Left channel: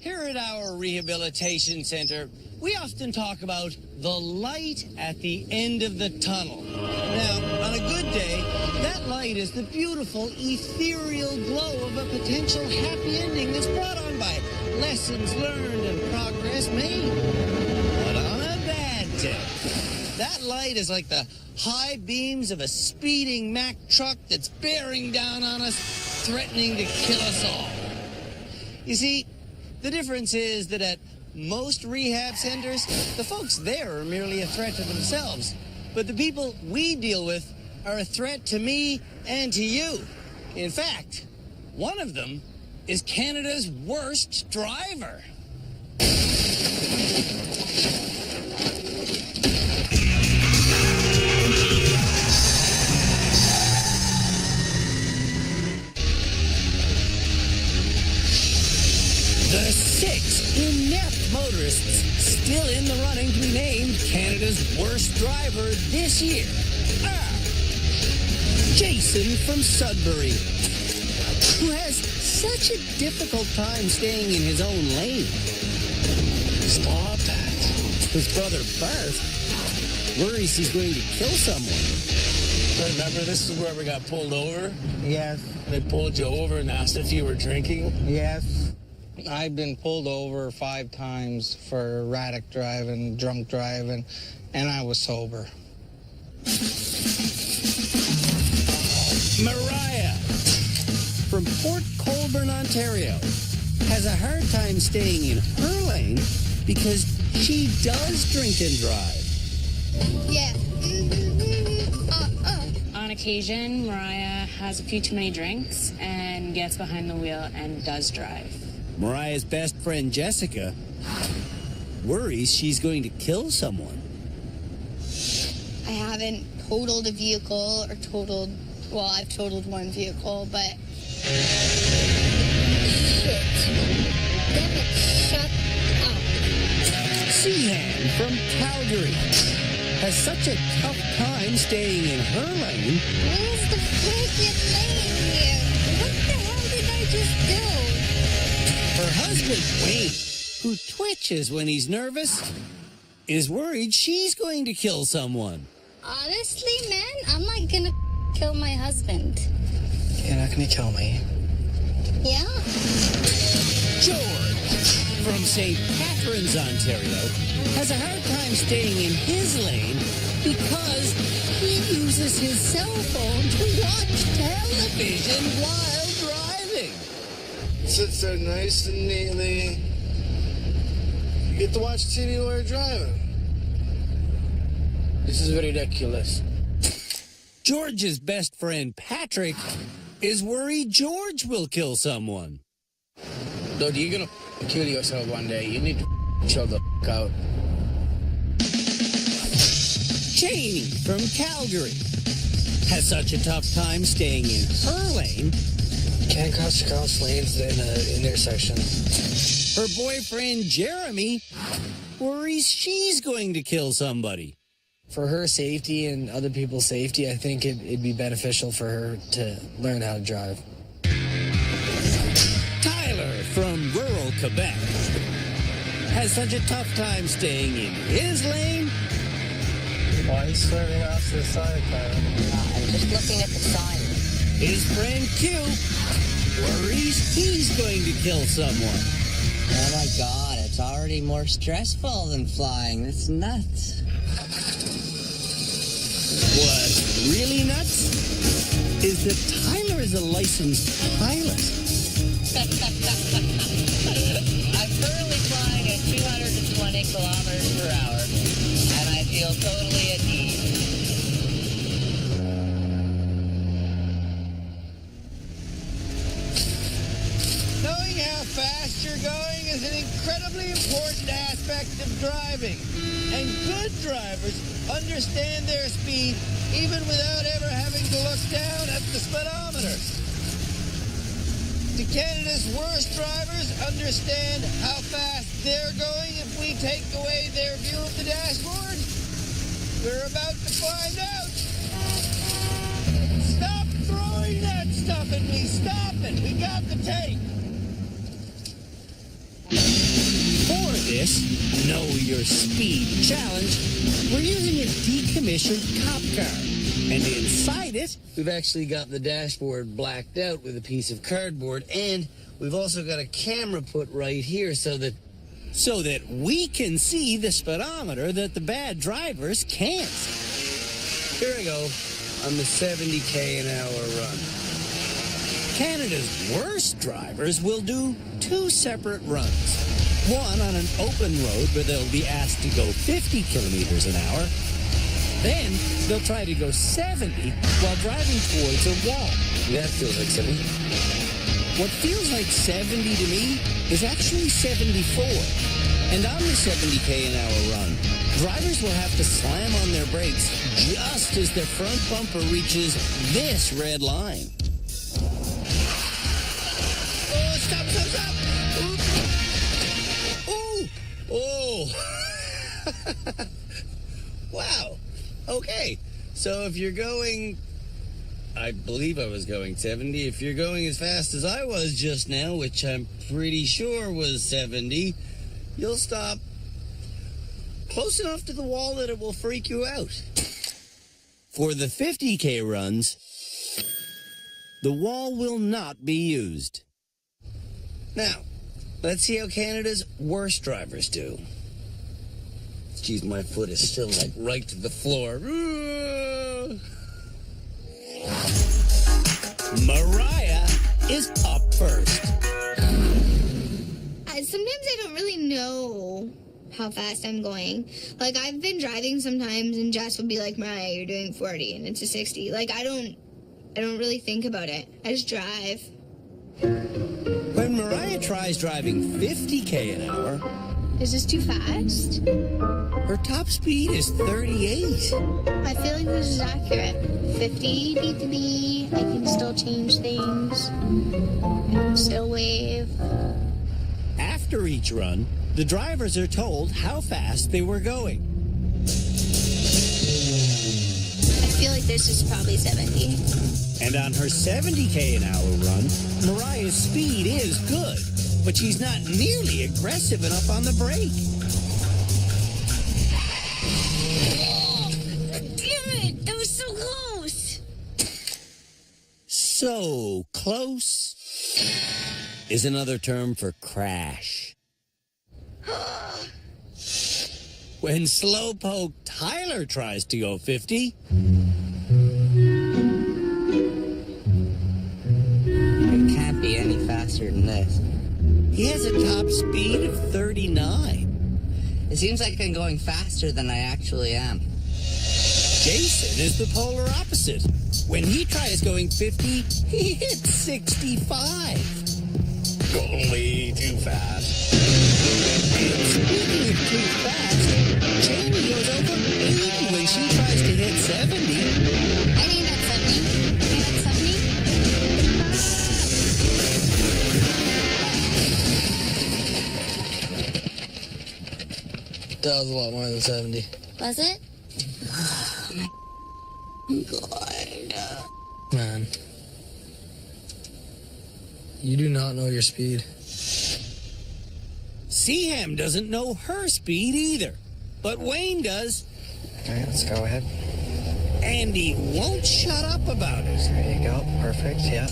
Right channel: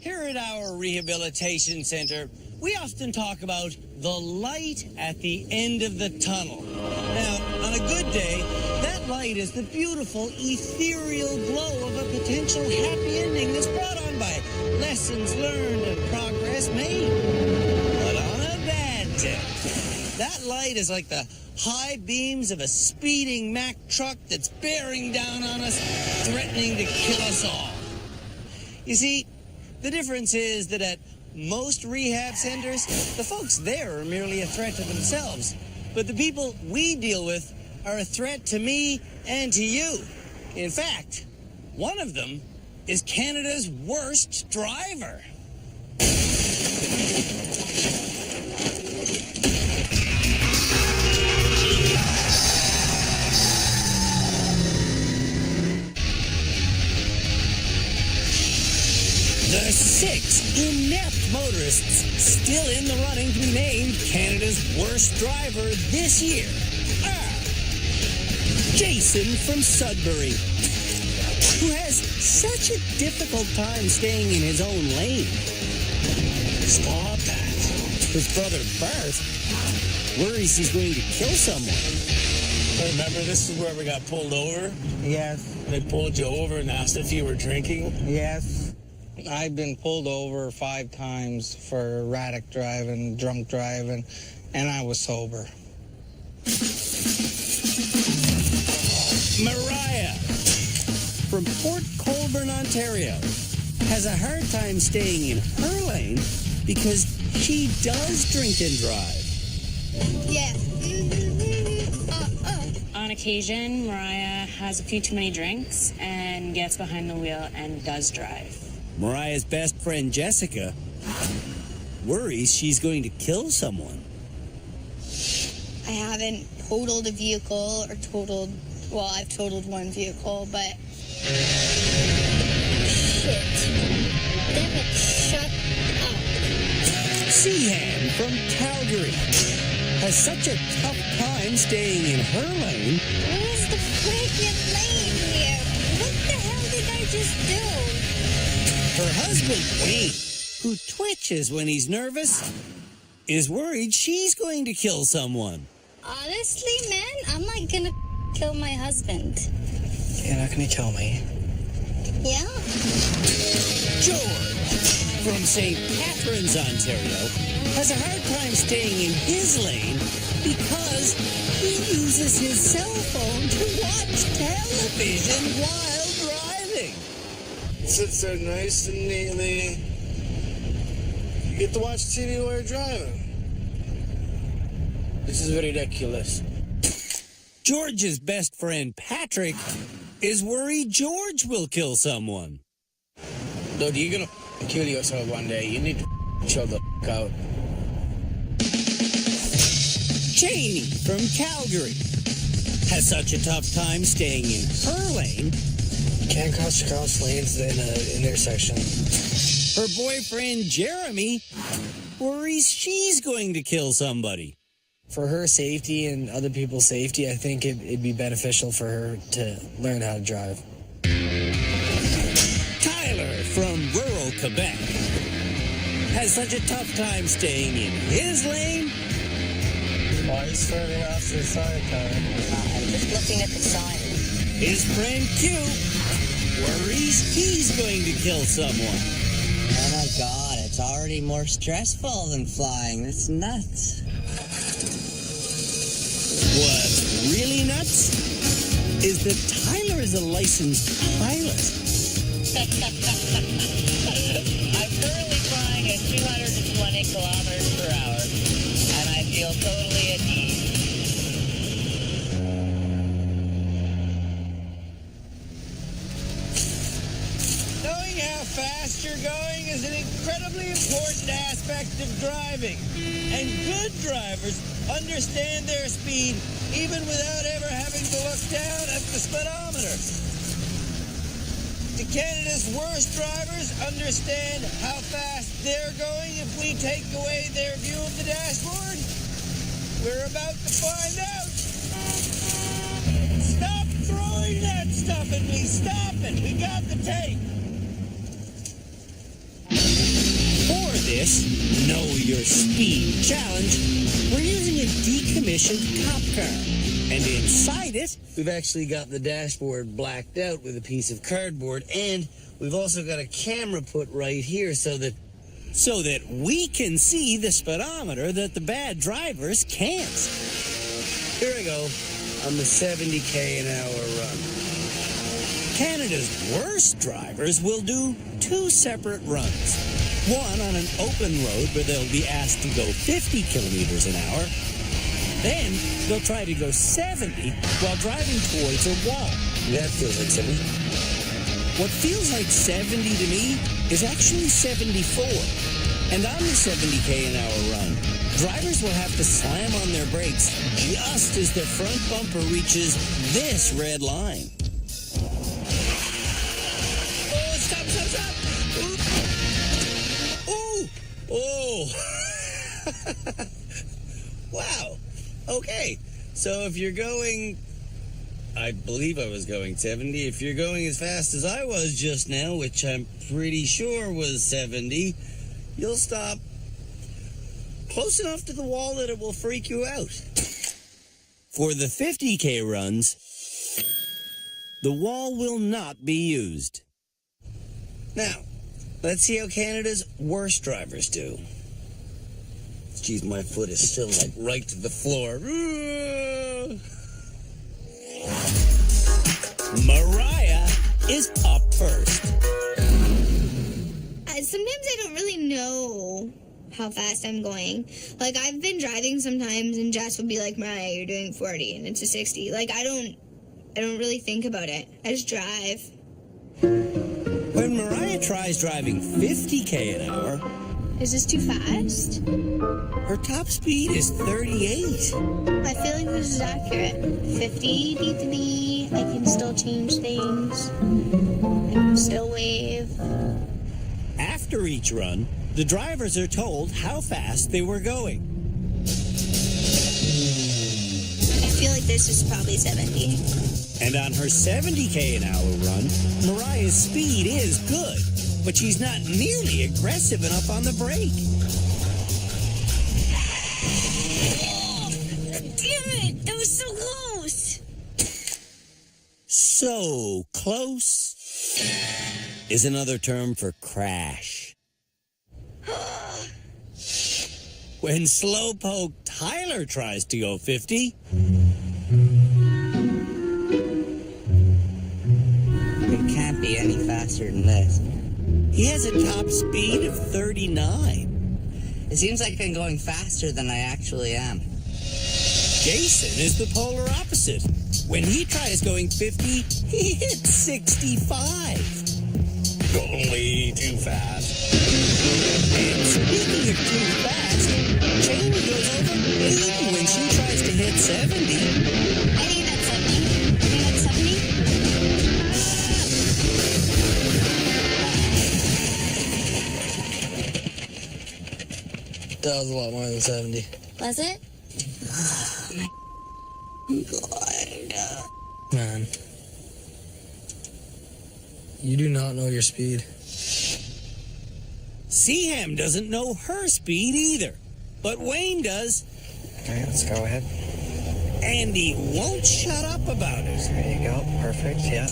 Here at our rehabilitation center, we often talk about the light at the end of the tunnel. Now, on a good day, that light is the beautiful, ethereal glow of a potential happy ending that's brought on by lessons learned and progress made. But on a bad day, that light is like the high beams of a speeding Mack truck that's bearing down on us, threatening to kill us all. You see, the difference is that at most rehab centers, the folks there are merely a threat to themselves. But the people we deal with are a threat to me and to you. In fact, one of them is Canada's worst driver. The 6 inept motorists still in the running to be named Canada's worst driver this year are Jason from Sudbury, who has such a difficult time staying in his own lane. Stop that. His brother Bart worries he's going to kill someone. So remember, this is where we got pulled over? Yes. They pulled you over and asked if you were drinking? Yes. I've been pulled over 5 times for erratic driving, drunk driving, and I was sober. Mariah from Port Colborne, Ontario, has a hard time staying in her lane because she does drink and drive. Yeah. On occasion, Mariah has a few too many drinks and gets behind the wheel and does drive. Mariah's best friend, Jessica, worries she's going to kill someone. I haven't totaled a vehicle or well, I've totaled one vehicle, but... Shit. Damn it, shut up. Seaham from Calgary has such a tough time staying in her lane. Where's the freaking lane here? What the hell did I just do? Her husband, Wayne, who twitches when he's nervous, is worried she's going to kill someone. Honestly, man, I'm not gonna kill my husband. You're not gonna kill me. Yeah? George from St. Catharines, Ontario, has a hard time staying in his lane because he uses his cell phone to watch television while driving. Sits there nice and neatly. You get to watch TV while you're driving. This is ridiculous. George's best friend, Patrick, is worried George will kill someone. Dude, you're gonna kill yourself one day. You need to chill the out. Janie from Calgary has such a tough time staying in her lane. Can't cross lanes in an intersection. Her boyfriend, Jeremy, worries she's going to kill somebody. For her safety and other people's safety, I think it'd be beneficial for her to learn how to drive. Tyler from rural Quebec has such a tough time staying in his lane. Why are you swerving off to the side, Tyler? I'm just looking at the sign. His friend Q worries he's going to kill someone. Oh my God, it's already more stressful than flying. That's nuts. What's really nuts is that Tyler is a licensed pilot. I'm currently flying at 220 kilometers per hour, and I feel totally at ease. Knowing how fast you're going is an incredibly important aspect of driving. And good drivers understand their speed even without ever having to look down at the speedometer. Do Canada's worst drivers understand how fast they're going if we take away their view of the dashboard? We're about to find out. Stop throwing that stuff at me. Stop it. We got the tape. this Know Your Speed challenge, we're using a decommissioned cop car. And inside it, we've actually got the dashboard blacked out with a piece of cardboard, and we've also got a camera put right here so that we can see the speedometer that the bad drivers can't. Here I go on the 70k an hour run. Canada's worst drivers will do 2 separate runs. One on an open road where they'll be asked to go 50 kilometers an hour. Then they'll try to go 70 while driving towards a wall. That feels like 70. What feels like 70 to me is actually 74. And on the 70k an hour run, drivers will have to slam on their brakes just as their front bumper reaches this red line. Oh, stop, stop, stop! Ooh. Oh! Wow. Okay. So if you're going, I believe I was going 70. If you're going as fast as I was just now, which I'm pretty sure was 70, you'll stop close enough to the wall that it will freak you out. For the 50k runs, the wall will not be used. Now, let's see how Canada's worst drivers do. Geez, my foot is still like right to the floor. Mariah is up first. Sometimes I don't really know how fast I'm going. Like, I've been driving sometimes and Jess will be like, Mariah, you're doing 40 and it's a 60. Like, I don't really think about it. I just drive. When Mariah tries driving 50k an hour, Is this too fast? her top speed is 38. I feel like this is accurate. 50 need to be, I can still change things. I can still wave. After each run, the drivers are told how fast they were going. I feel like this is probably 70. And on her 70k an hour run, Mariah's speed is good, but she's not nearly aggressive enough on the brake. Oh, damn it! That was so close! So close is another term for crash. When Slowpoke Tyler tries to go 50, It can't be any faster than this. he has a top speed of 39. It seems like I'm going faster than I actually am. Jason is the polar opposite. When he tries going 50, he hits 65. Only too fast. And speaking of too fast, Cheney goes over 80 when she tries to hit 70. I think that's 70. You think that's 70? That was a lot more than 70. Was it? Man. You do not know your speed. Seaham doesn't know her speed either, but Wayne does, Okay, let's go ahead. and he won't shut up about it. There you go. Perfect. Yeah.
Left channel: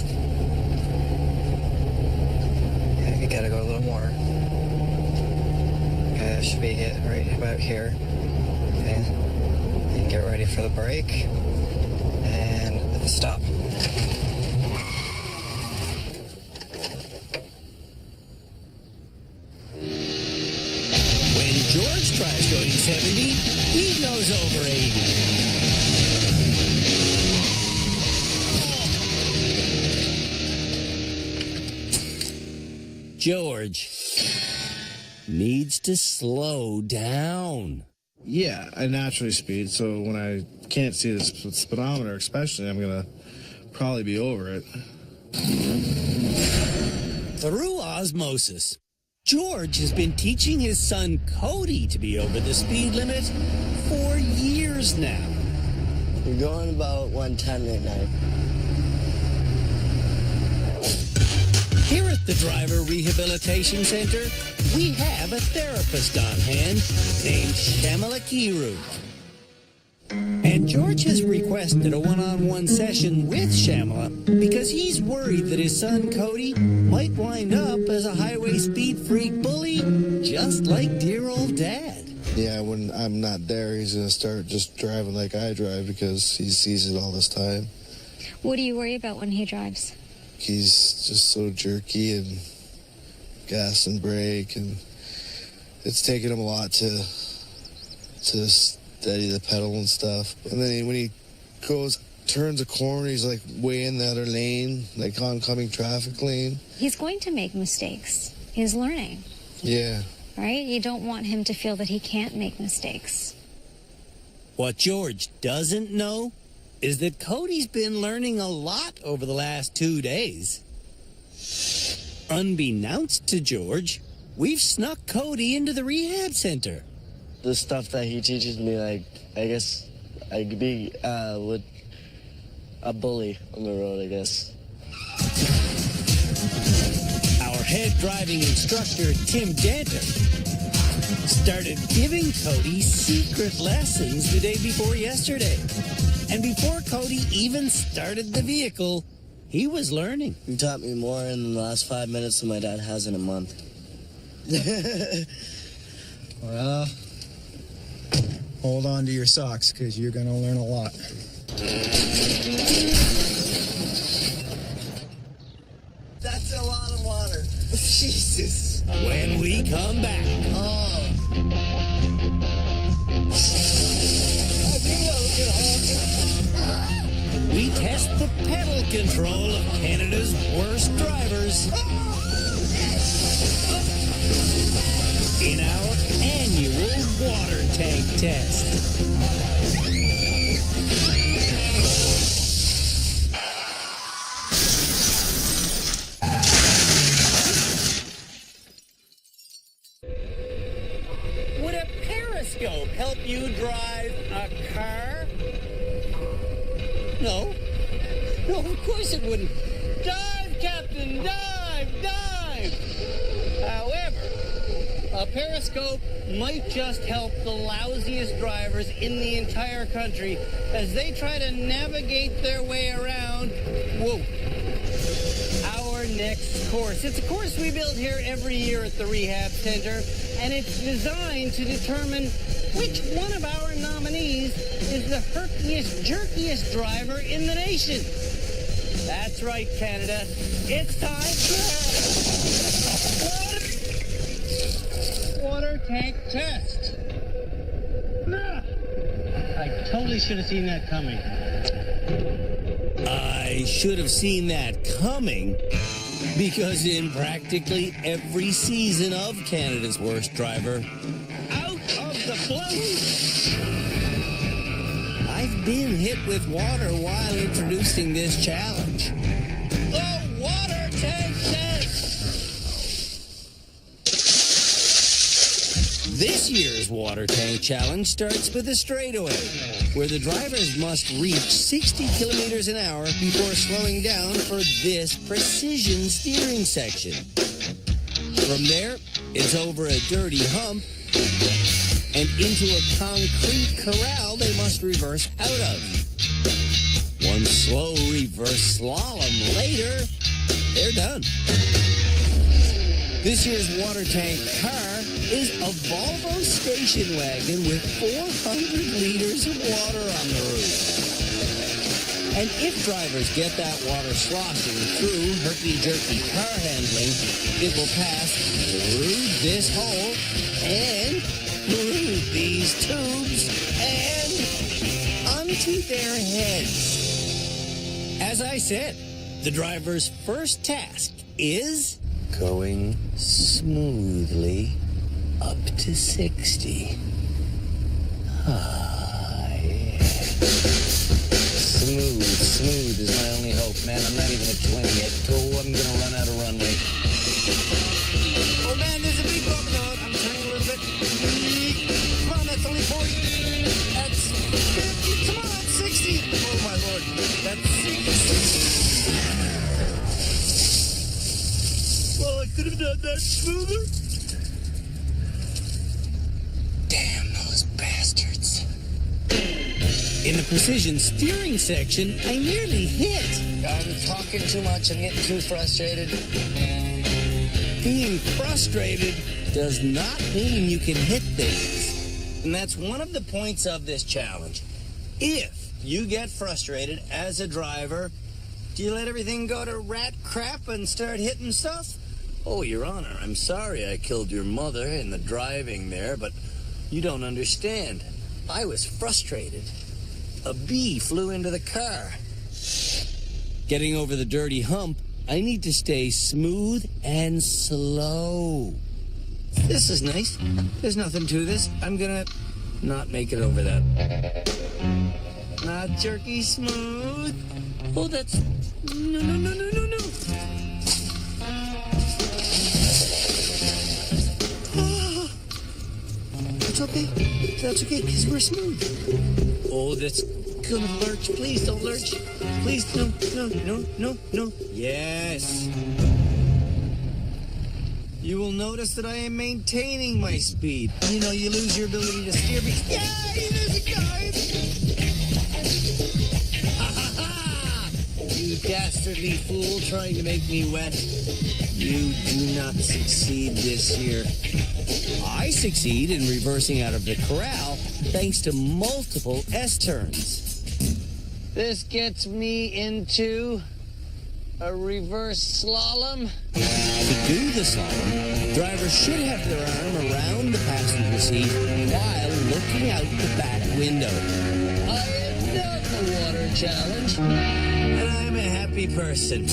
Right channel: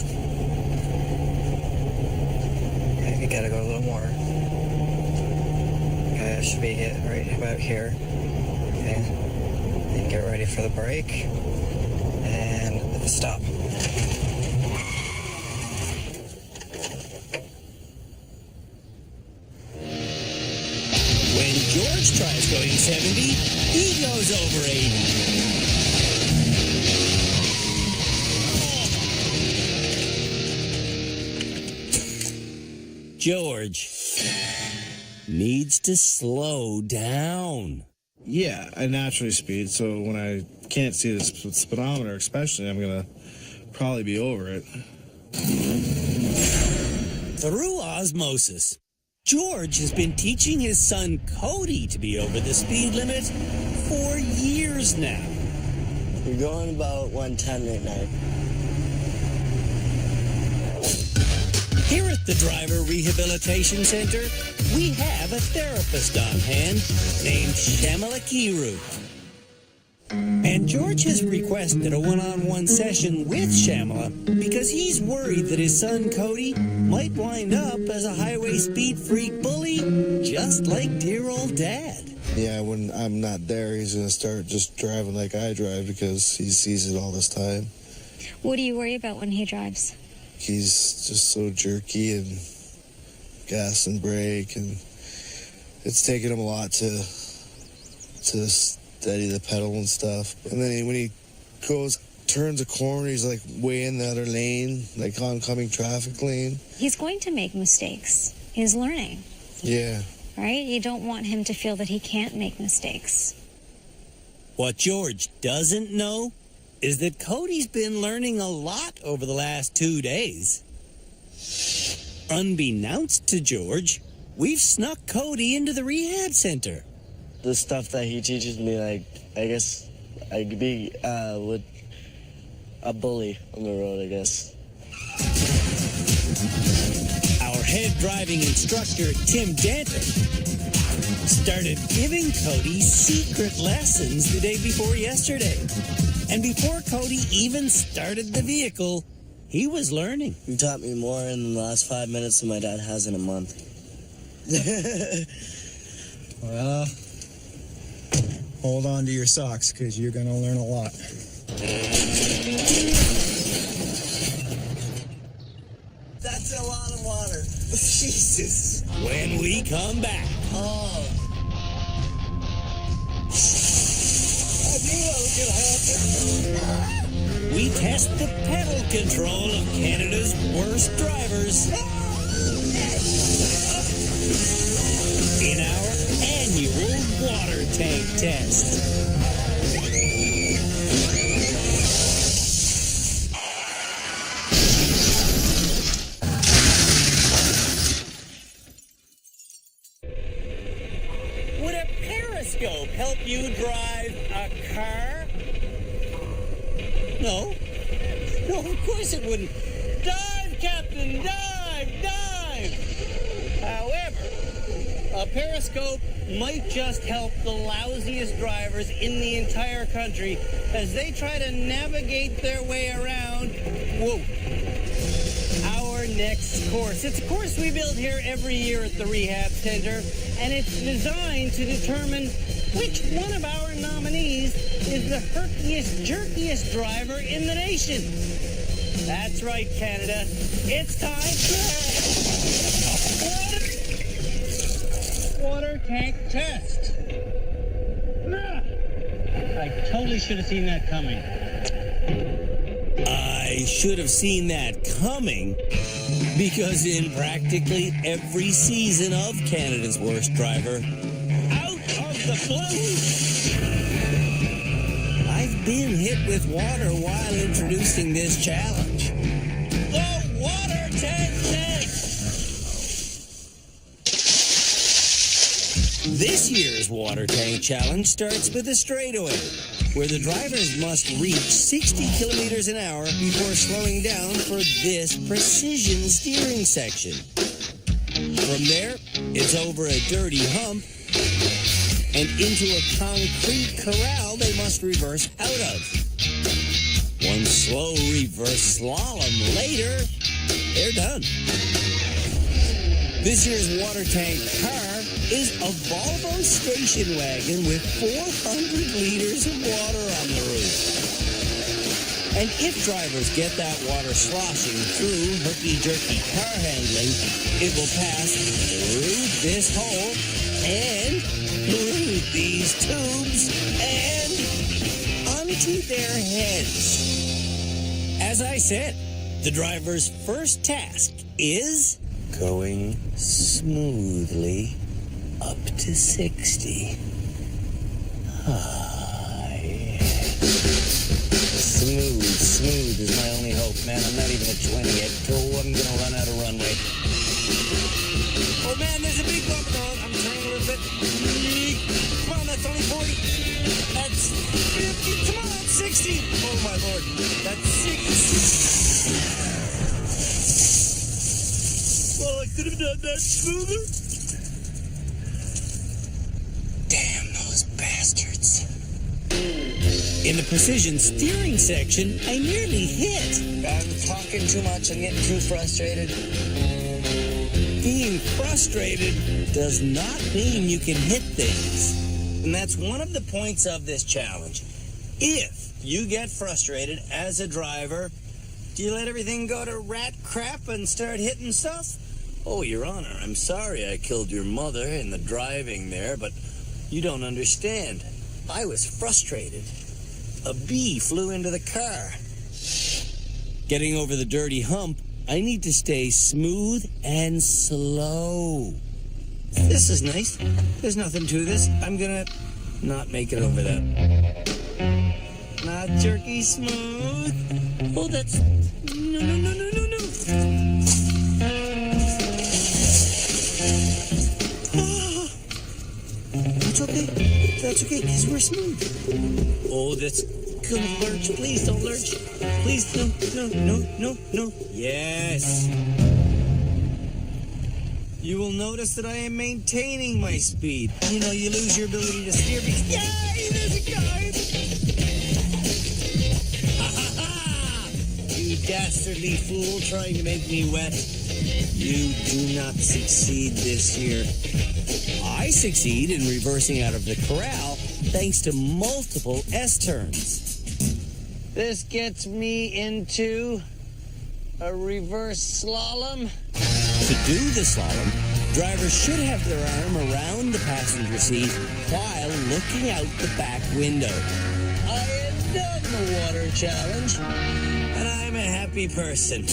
Okay, you gotta go a little more. Okay, that should be it right about here. Okay. And get ready for the brake. And stop. When George tries going 70, he goes over 80. George needs to slow down. Yeah, I naturally speed, so when I can't see the speedometer, especially, I'm going to probably be over it. Through osmosis, George has been teaching his son Cody to be over the speed limit for years now. You're going about 110 right now. Here at the Driver Rehabilitation Center, we have a therapist on hand named Shamala Kiru. And George has requested a one-on-one session with Shamala because he's worried that his son Cody might wind up as a highway speed freak bully, just like dear old Dad. Yeah, when I'm not there, he's going to start just driving like I drive because he sees it all this time. What do you worry about when he drives? He's just so jerky and gas and brake, and it's taken him a lot to steady the pedal and stuff. And then when he turns a corner, he's like way in the other lane, like oncoming traffic lane. He's going to make mistakes. He's learning. Yeah. Right? You don't want him to feel that he can't make mistakes. What George doesn't know is that Cody's been learning a lot over the last 2 days. Unbeknownst to George, we've snuck Cody into the rehab center. The stuff that he teaches me, like, I guess I could be with a bully on the road, I guess. Our head driving instructor, Tim Danter, started giving Cody secret lessons the day before yesterday. And before Cody even started the vehicle, he was learning. He taught me more in the last 5 minutes than my dad has in a month. Well, hold on to your socks, because you're going to learn a lot. That's a lot of water. Jesus. When we come back. Oh. I knew that was going to happen. We test the pedal control of Canada's worst drivers in our annual water tank test. Would a periscope help you drive a car? No. No, of course it wouldn't. Dive, Captain, dive, dive! However, a periscope might just help the lousiest drivers in the entire country as they try to navigate their way around, our next course. It's a course we build here every year at the Rehab Center, and it's designed to determine which one of our nominees is the herkiest, jerkiest driver in the nation. That's right, Canada. It's time for water tank test. I totally should have seen that coming. I should have seen that coming because in practically every season of Canada's Worst Driver, out of the blue, I've been hit with water while introducing this challenge. The water tank test! This year's water tank challenge starts with a straightaway, where the drivers must reach 60 kilometers an hour before slowing down for this precision steering section. From there, it's over a dirty hump and into a concrete corral they must reverse out of. One slow reverse slalom later, they're done. This year's water tank car is a Volvo station wagon with 400 liters of water on the roof. And if drivers get that water sloshing through herky-jerky car handling, it will pass through this hole and through these tubes and onto their heads. As I said, the driver's first task is going smoothly up to 60. Smooth is my only hope, man. I'm not even at 20 yet. Oh, I'm gonna run out of runway. Oh, man, there's a big bump in the road. I'm turning a little bit. Come on, that's only 40. That's 50. Come on, 60. Oh, my Lord. That's 60. Well, I could have done that smoother. Damn those bastards. In the precision steering section, I nearly hit. I'm talking too much. I'm getting too frustrated. Being frustrated does not mean you can hit things. And that's one of the points of this challenge. If you get frustrated as a driver, do you let everything go to rat crap and start hitting stuff? Oh, Your Honor, I'm sorry I killed your mother in the driving there, but you don't understand. I was frustrated. A bee flew into the car. Getting over the dirty hump, I need to stay smooth and slow. This is nice. There's nothing to this. I'm gonna not make it over that. Not jerky smooth. Oh, that's... No. That's okay. That's okay, because we're smooth. Oh, that's gonna lurch. Please don't lurch. Please, no. Yes. You will notice that I am maintaining my speed. You know, you lose your ability to steer because... Yay! There's a guy! Ha ha ha! You dastardly fool trying to make me wet. You do not succeed this year. I succeed in reversing out of the corral thanks to multiple S-turns. This gets me into a reverse slalom. To do the slalom, drivers should have their arm around the passenger seat while looking out the back window. I have done the water challenge, and I'm a happy person.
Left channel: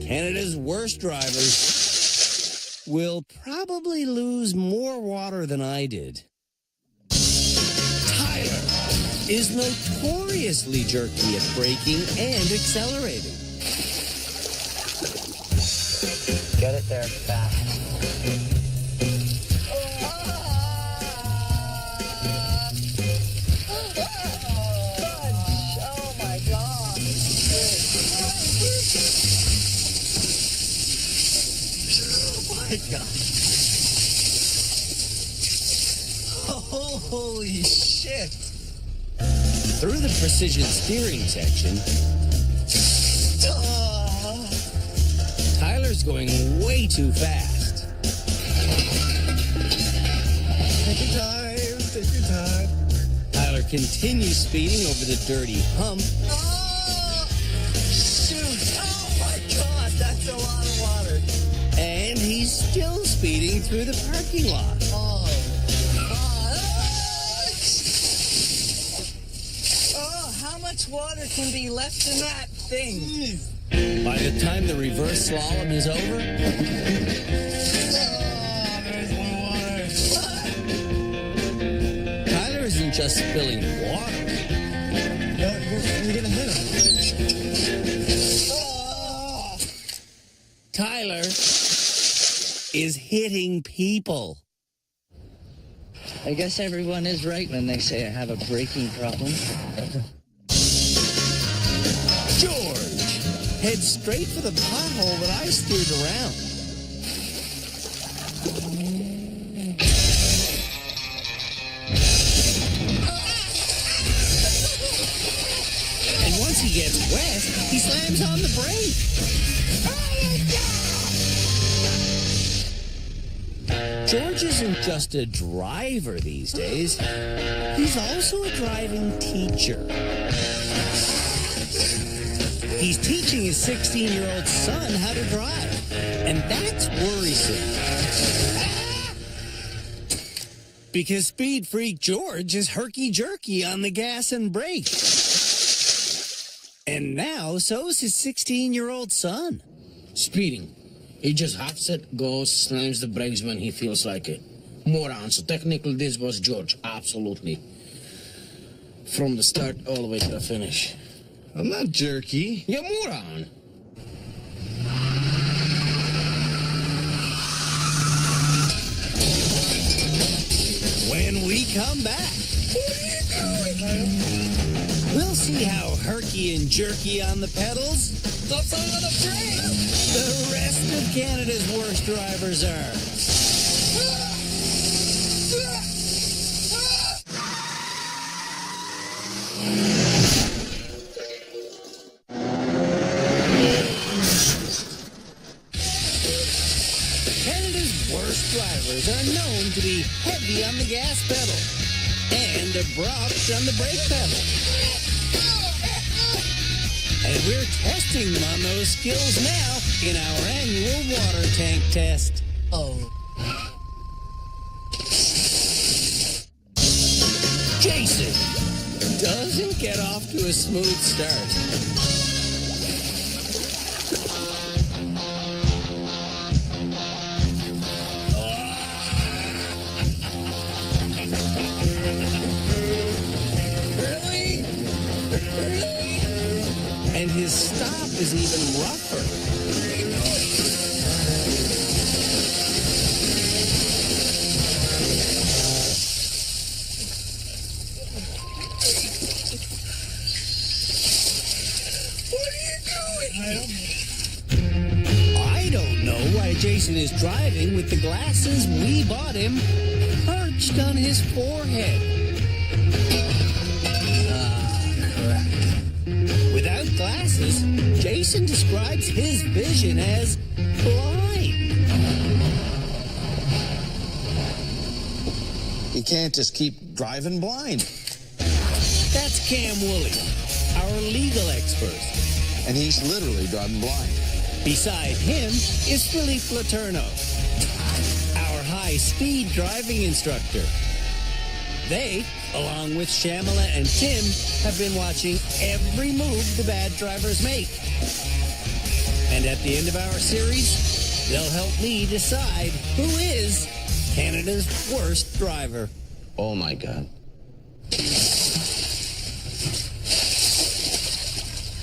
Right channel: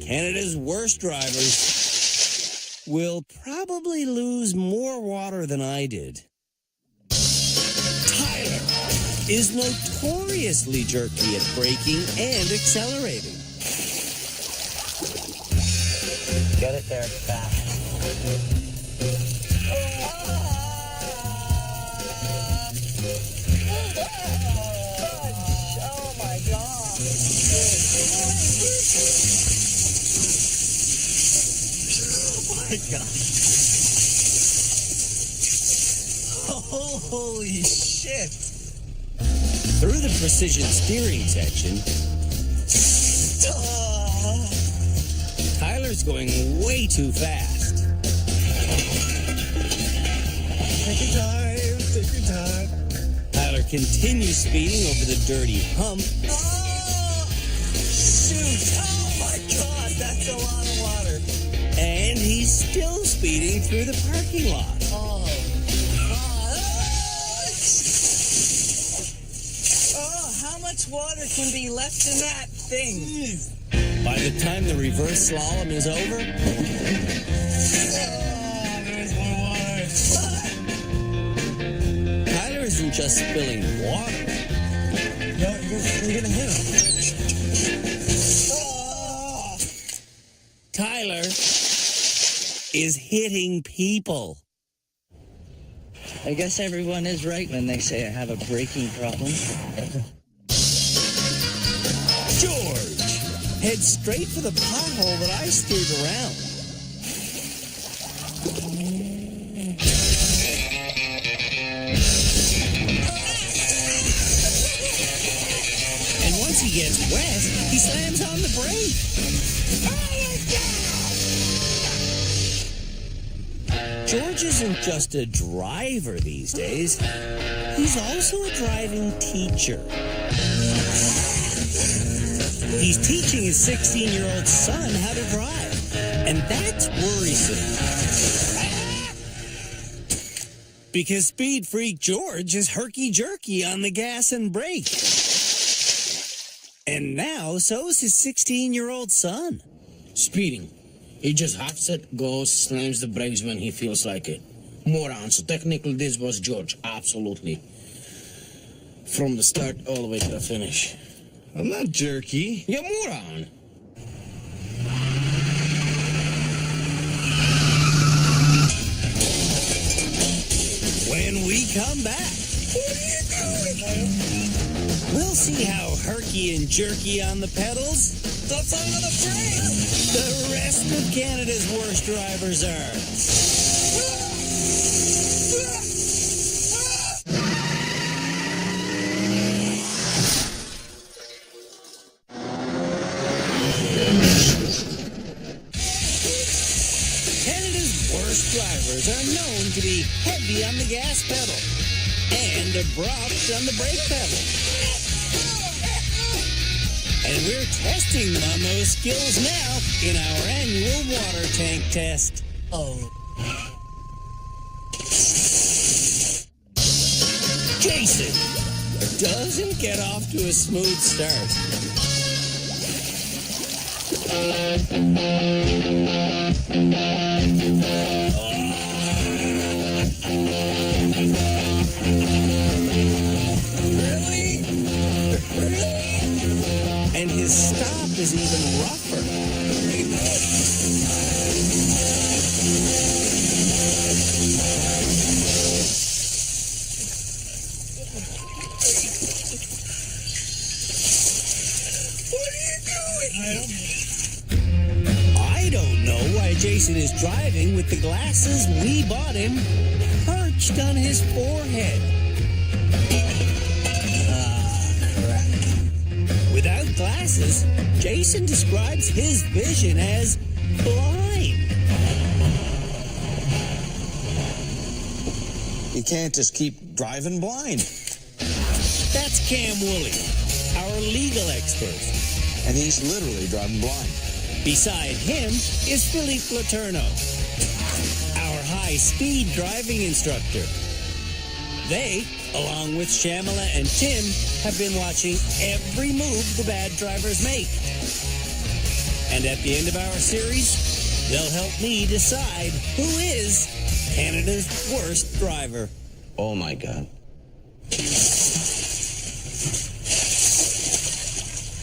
Canada's worst drivers will probably lose more water than I did. Tyler is notoriously jerky at braking and accelerating. Get it there fast. Oh my God. Oh my God. Holy shit. Through the precision steering section, Tyler's going way too fast. Take your time. Tyler continues speeding over the dirty hump. Oh, shoot. Oh my God, that's a lot of water. And he's still speeding through the parking lot. How much water can be left in that thing? Jeez. By the time the reverse slalom is over... Oh, there's more water. Tyler isn't just spilling water. No, you're gonna hit him. Oh. Tyler is hitting people. I guess everyone is right when they say I have a braking problem. George, head straight for the pothole that I steered around. And once he gets wet, he slams on the brake. Oh my God! George isn't just a driver these days. He's also a driving teacher. He's teaching his 16-year-old son how to drive, and that's worrisome. Because speed freak George is herky-jerky on the gas and brake. And now, so's his 16-year-old son. Speeding. He just huffs it, goes, slams the brakes when he feels like it. Moron. So technically this was George. Absolutely. From the start all the way to the finish. I'm not jerky. You're moron. When we come back, what are you doing? We'll see how herky and jerky on the pedals. Stop on the brakes! the rest of Canada's worst drivers are. Canada's worst drivers are known to be heavy on the gas pedal and abrupt on the brake pedal. And we're testing them on those skills now in our annual water tank test. Oh. Jason doesn't get off to a smooth start. And his stop is even rougher. I don't know why Jason is driving with the glasses we bought him perched on his forehead. Without glasses, Jason describes his vision as blind. You can't just keep driving blind. That's Cam Woolley, our legal expert. And he's literally driving blind. Beside him is Philippe Laterno, our high-speed driving instructor. They, along with Shamala and Tim, have been watching every move the bad drivers make. And at the end of our series, they'll help me decide who is Canada's worst driver. Oh my God.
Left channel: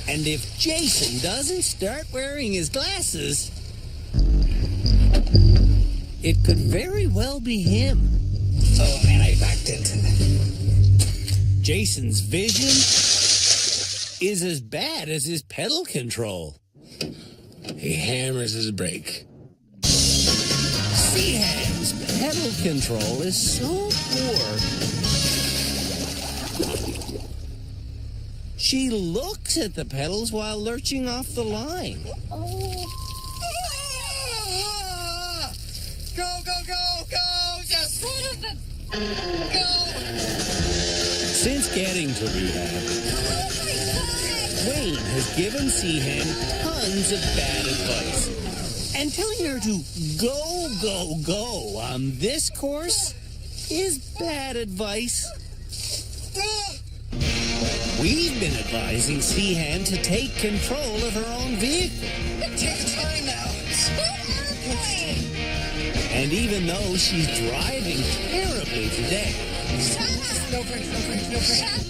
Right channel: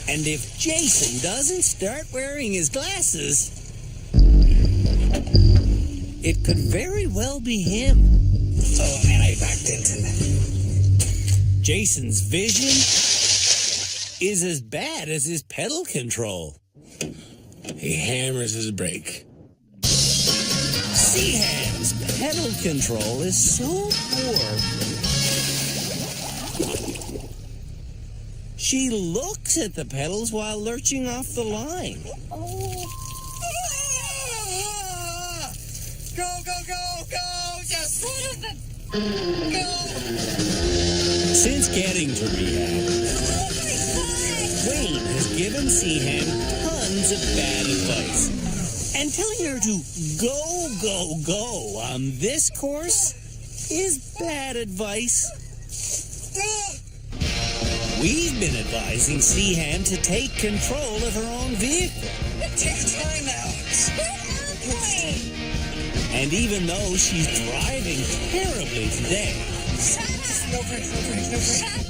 And if Jason doesn't start wearing his glasses, it could very well be him. Oh, and I backed into that. Jason's vision is as bad as his pedal control. He hammers his brake. Seaham's pedal control is so poor. She looks at the pedals while lurching off the line. Go, go, go, go! Just son of a... Go! Since getting to rehab, Wayne has given Seaham tons of bad advice. And telling her to go, go, go on this course is bad advice. We've been advising Seaham to take control of her own vehicle. Take your time now. Shut up, Wayne. And even though she's driving terribly today, No brakes, no brakes, no brakes. Shut up.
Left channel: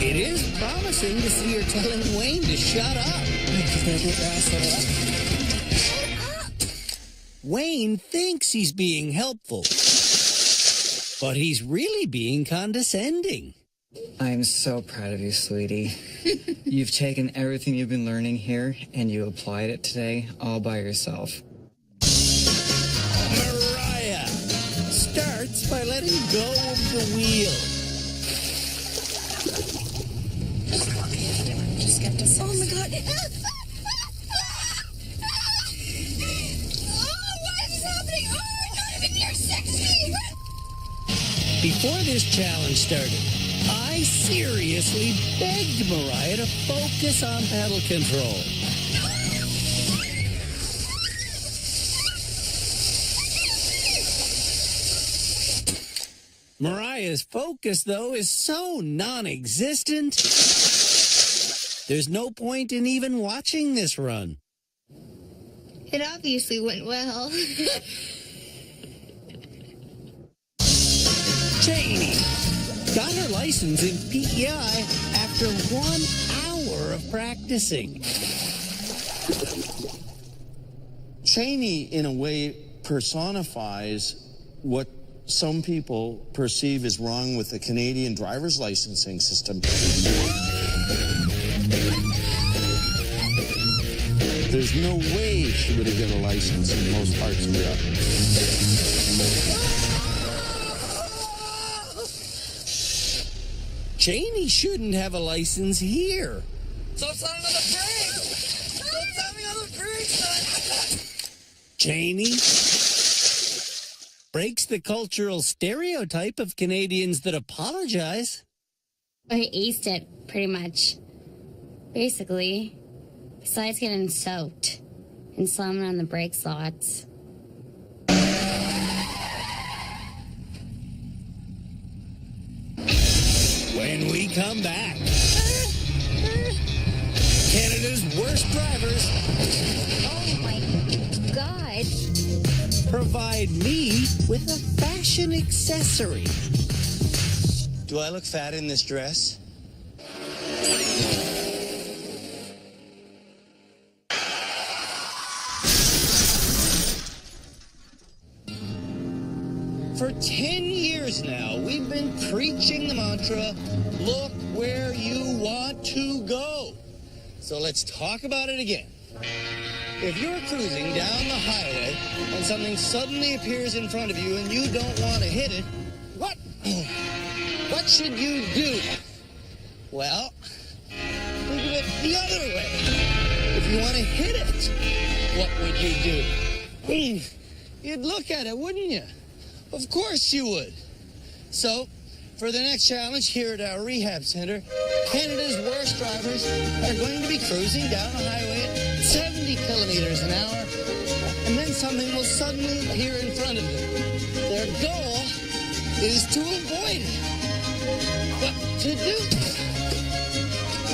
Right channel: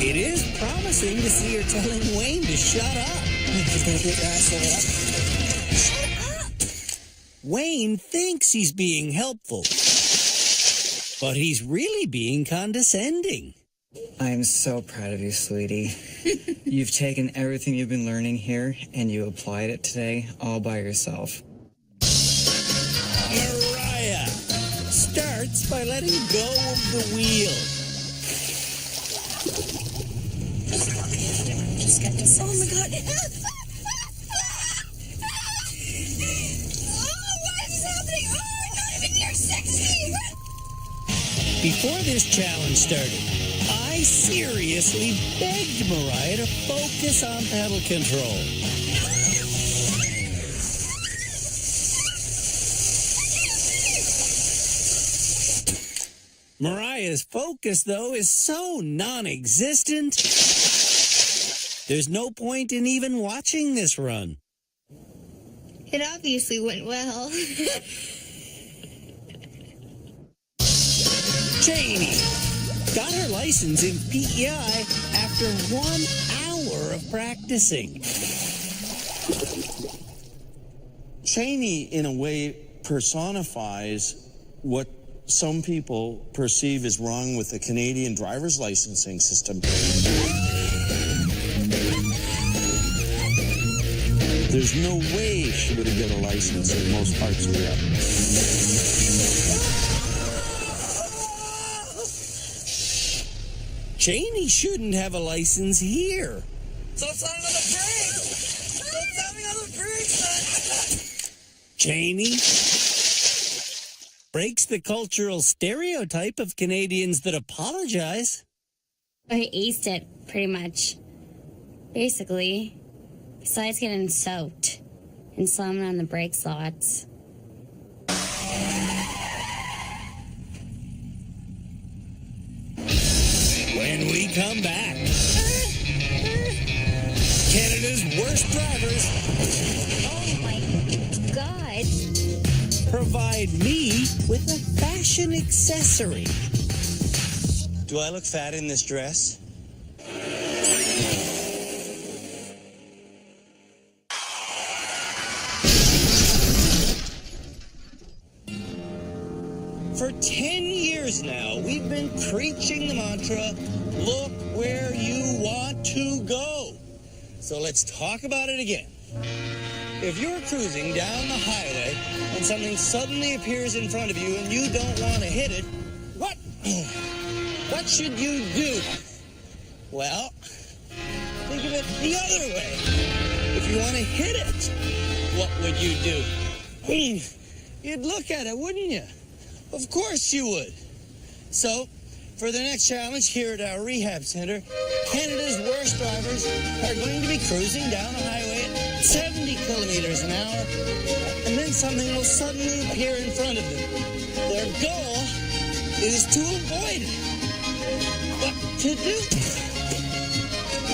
it is promising to see her telling Wayne to shut up. She's gonna get your ass leveled up. Shut up. Wayne thinks he's being helpful, but he's really being condescending. I'm so proud of you, sweetie. You've taken everything you've been learning here and you applied it today all by yourself. Mariah starts by letting go of the wheel. Just get to Oh my God. Oh, what is happening? Oh, I'm not even near 60. Before this challenge started, I seriously begged Mariah to focus on pedal control. Mariah's focus, though, is so non-existent. There's no point in even watching this run. It obviously went well. Cheney got her license in PEI after 1 hour of practicing. Cheney, in a way, personifies what some people perceive as wrong with the Canadian driver's licensing system. There's no way she would have got a license in most parts of Europe. Cheney shouldn't have a license here. Stop slamming on the brakes! Stop slamming on the brakes, son! Cheney breaks the cultural stereotype of Canadians that apologize. I aced it, pretty much. Basically. Besides getting soaked and slamming on the brakes lots. When we come back, Canada's worst drivers Oh my God. provide me with a fashion accessory. Do I look fat in this dress? For 10 years now, we've been preaching the mantra, look where you want to go. So let's talk about it again. If you're cruising down the highway and something suddenly appears in front of you and you don't want to hit it, what should you do? Well, think of it the other way. If you want to hit it, what would you do? You'd look at it, wouldn't you? Of course you would. So, for the next challenge here at our rehab center, Canada's worst drivers are going to be cruising down a highway at 70 kilometers an hour, and then something will suddenly appear in front of them. Their goal is to avoid it. What to do?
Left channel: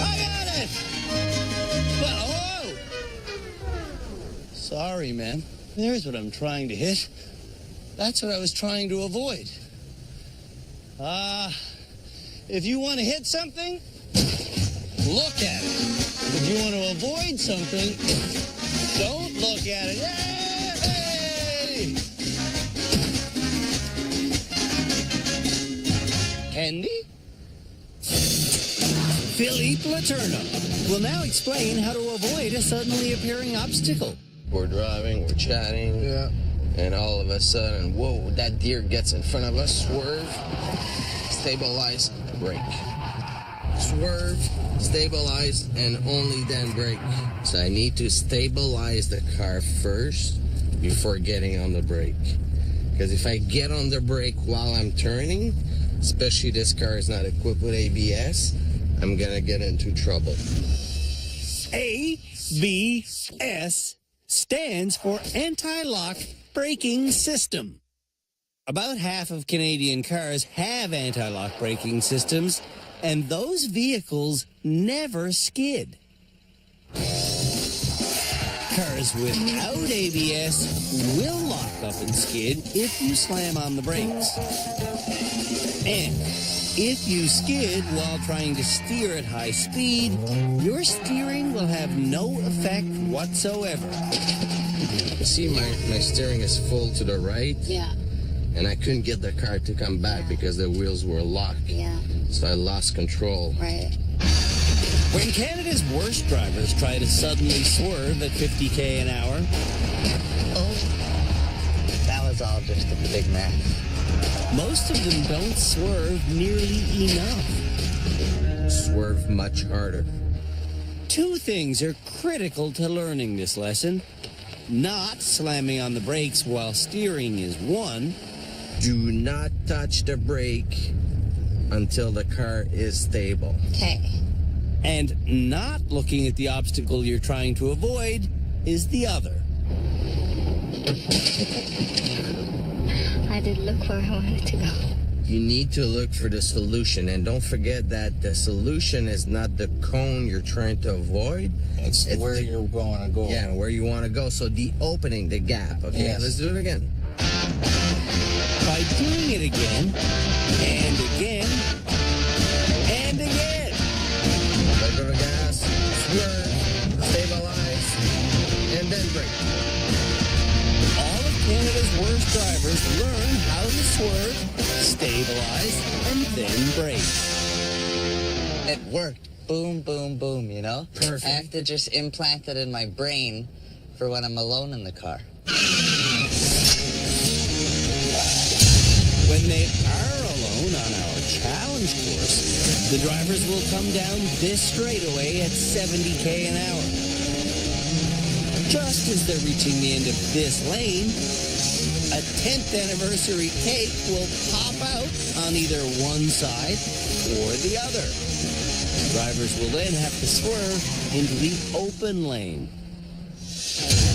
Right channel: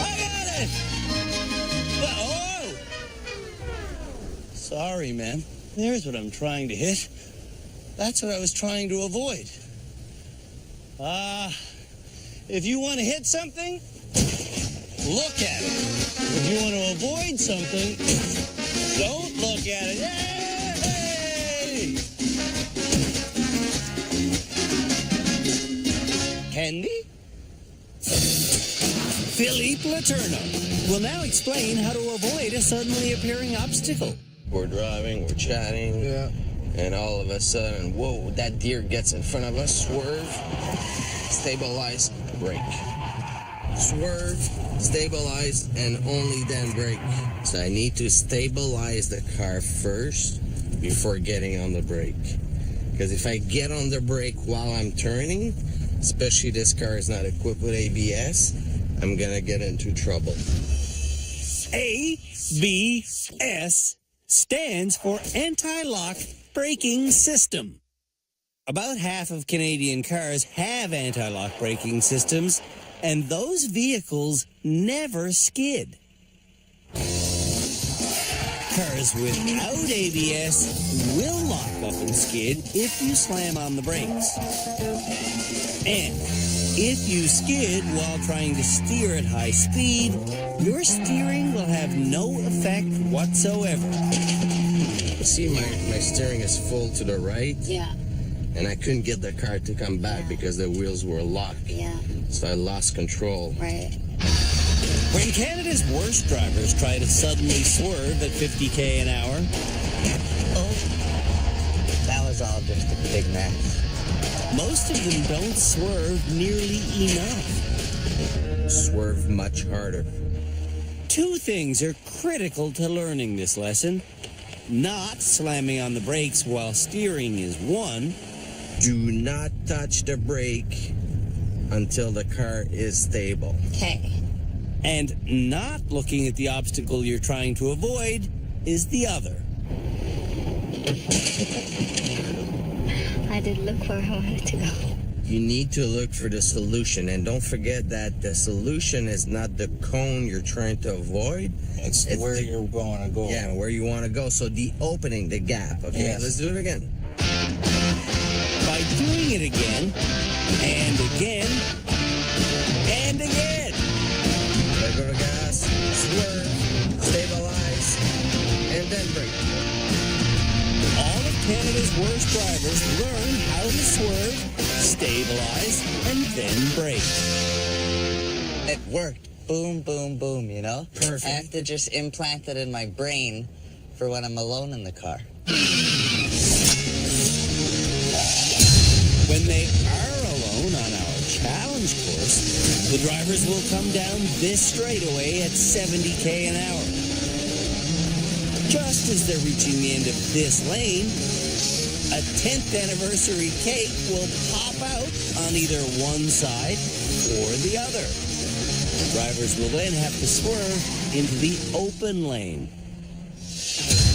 I got it! But, oh! Sorry, ma'am. There's what I'm trying to hit. That's what I was trying to avoid. If you want to hit something, look at it. If you want to avoid something, don't look at it. Yay! Candy? Philippe Letourneau will now explain how to avoid a suddenly appearing obstacle. We're driving, we're chatting. Yeah. And all of a sudden, whoa, that deer gets in front of us, swerve, stabilize, brake. Swerve, stabilize, and only then brake. So I need to stabilize the car first before getting on the brake. Because if I get on the brake while I'm turning, especially this car is not equipped with ABS, I'm gonna get into trouble. ABS stands for anti-lock braking system. About half of Canadian cars have anti-lock braking systems, and those vehicles never skid. Cars without ABS will lock up and skid if you slam on the brakes. And if you skid while trying to steer at high speed, your steering will have no effect whatsoever. You see, my steering is full to the right. Yeah. And I couldn't get the car to come back because the wheels were locked. Yeah. So I lost control. Right. When Canada's worst drivers try to suddenly swerve at 50k an hour, That was all just a big mess. most of them don't swerve nearly enough. Swerve much harder. Two things are critical to learning this lesson. Not slamming on the brakes while steering is one. Do not touch the brake until the car is stable. Okay. And not looking at the obstacle you're trying to avoid is the other. I did look where I wanted to go. You need to look for the solution, and don't forget that the solution is not the cone you're trying to avoid. It's where you're going to go. Yeah, where you want to go. So the opening, the gap. Okay, Yes. Let's do it again. By doing it again, and again, and again. Let go of gas, swerve, stabilize, and then brake. All of Canada's worst drivers learn how to swerve, stabilize, and then brake. It worked. boom, boom, boom, you know? Perfect. I have to just implant it in my brain for when I'm alone in the car. When they are alone on our challenge course, the drivers will come down this straightaway at 70k an hour. Just as they're reaching the end of this lane, a 10th anniversary cake will pop out on either one side or the other. The drivers will then have to swerve into the open lane.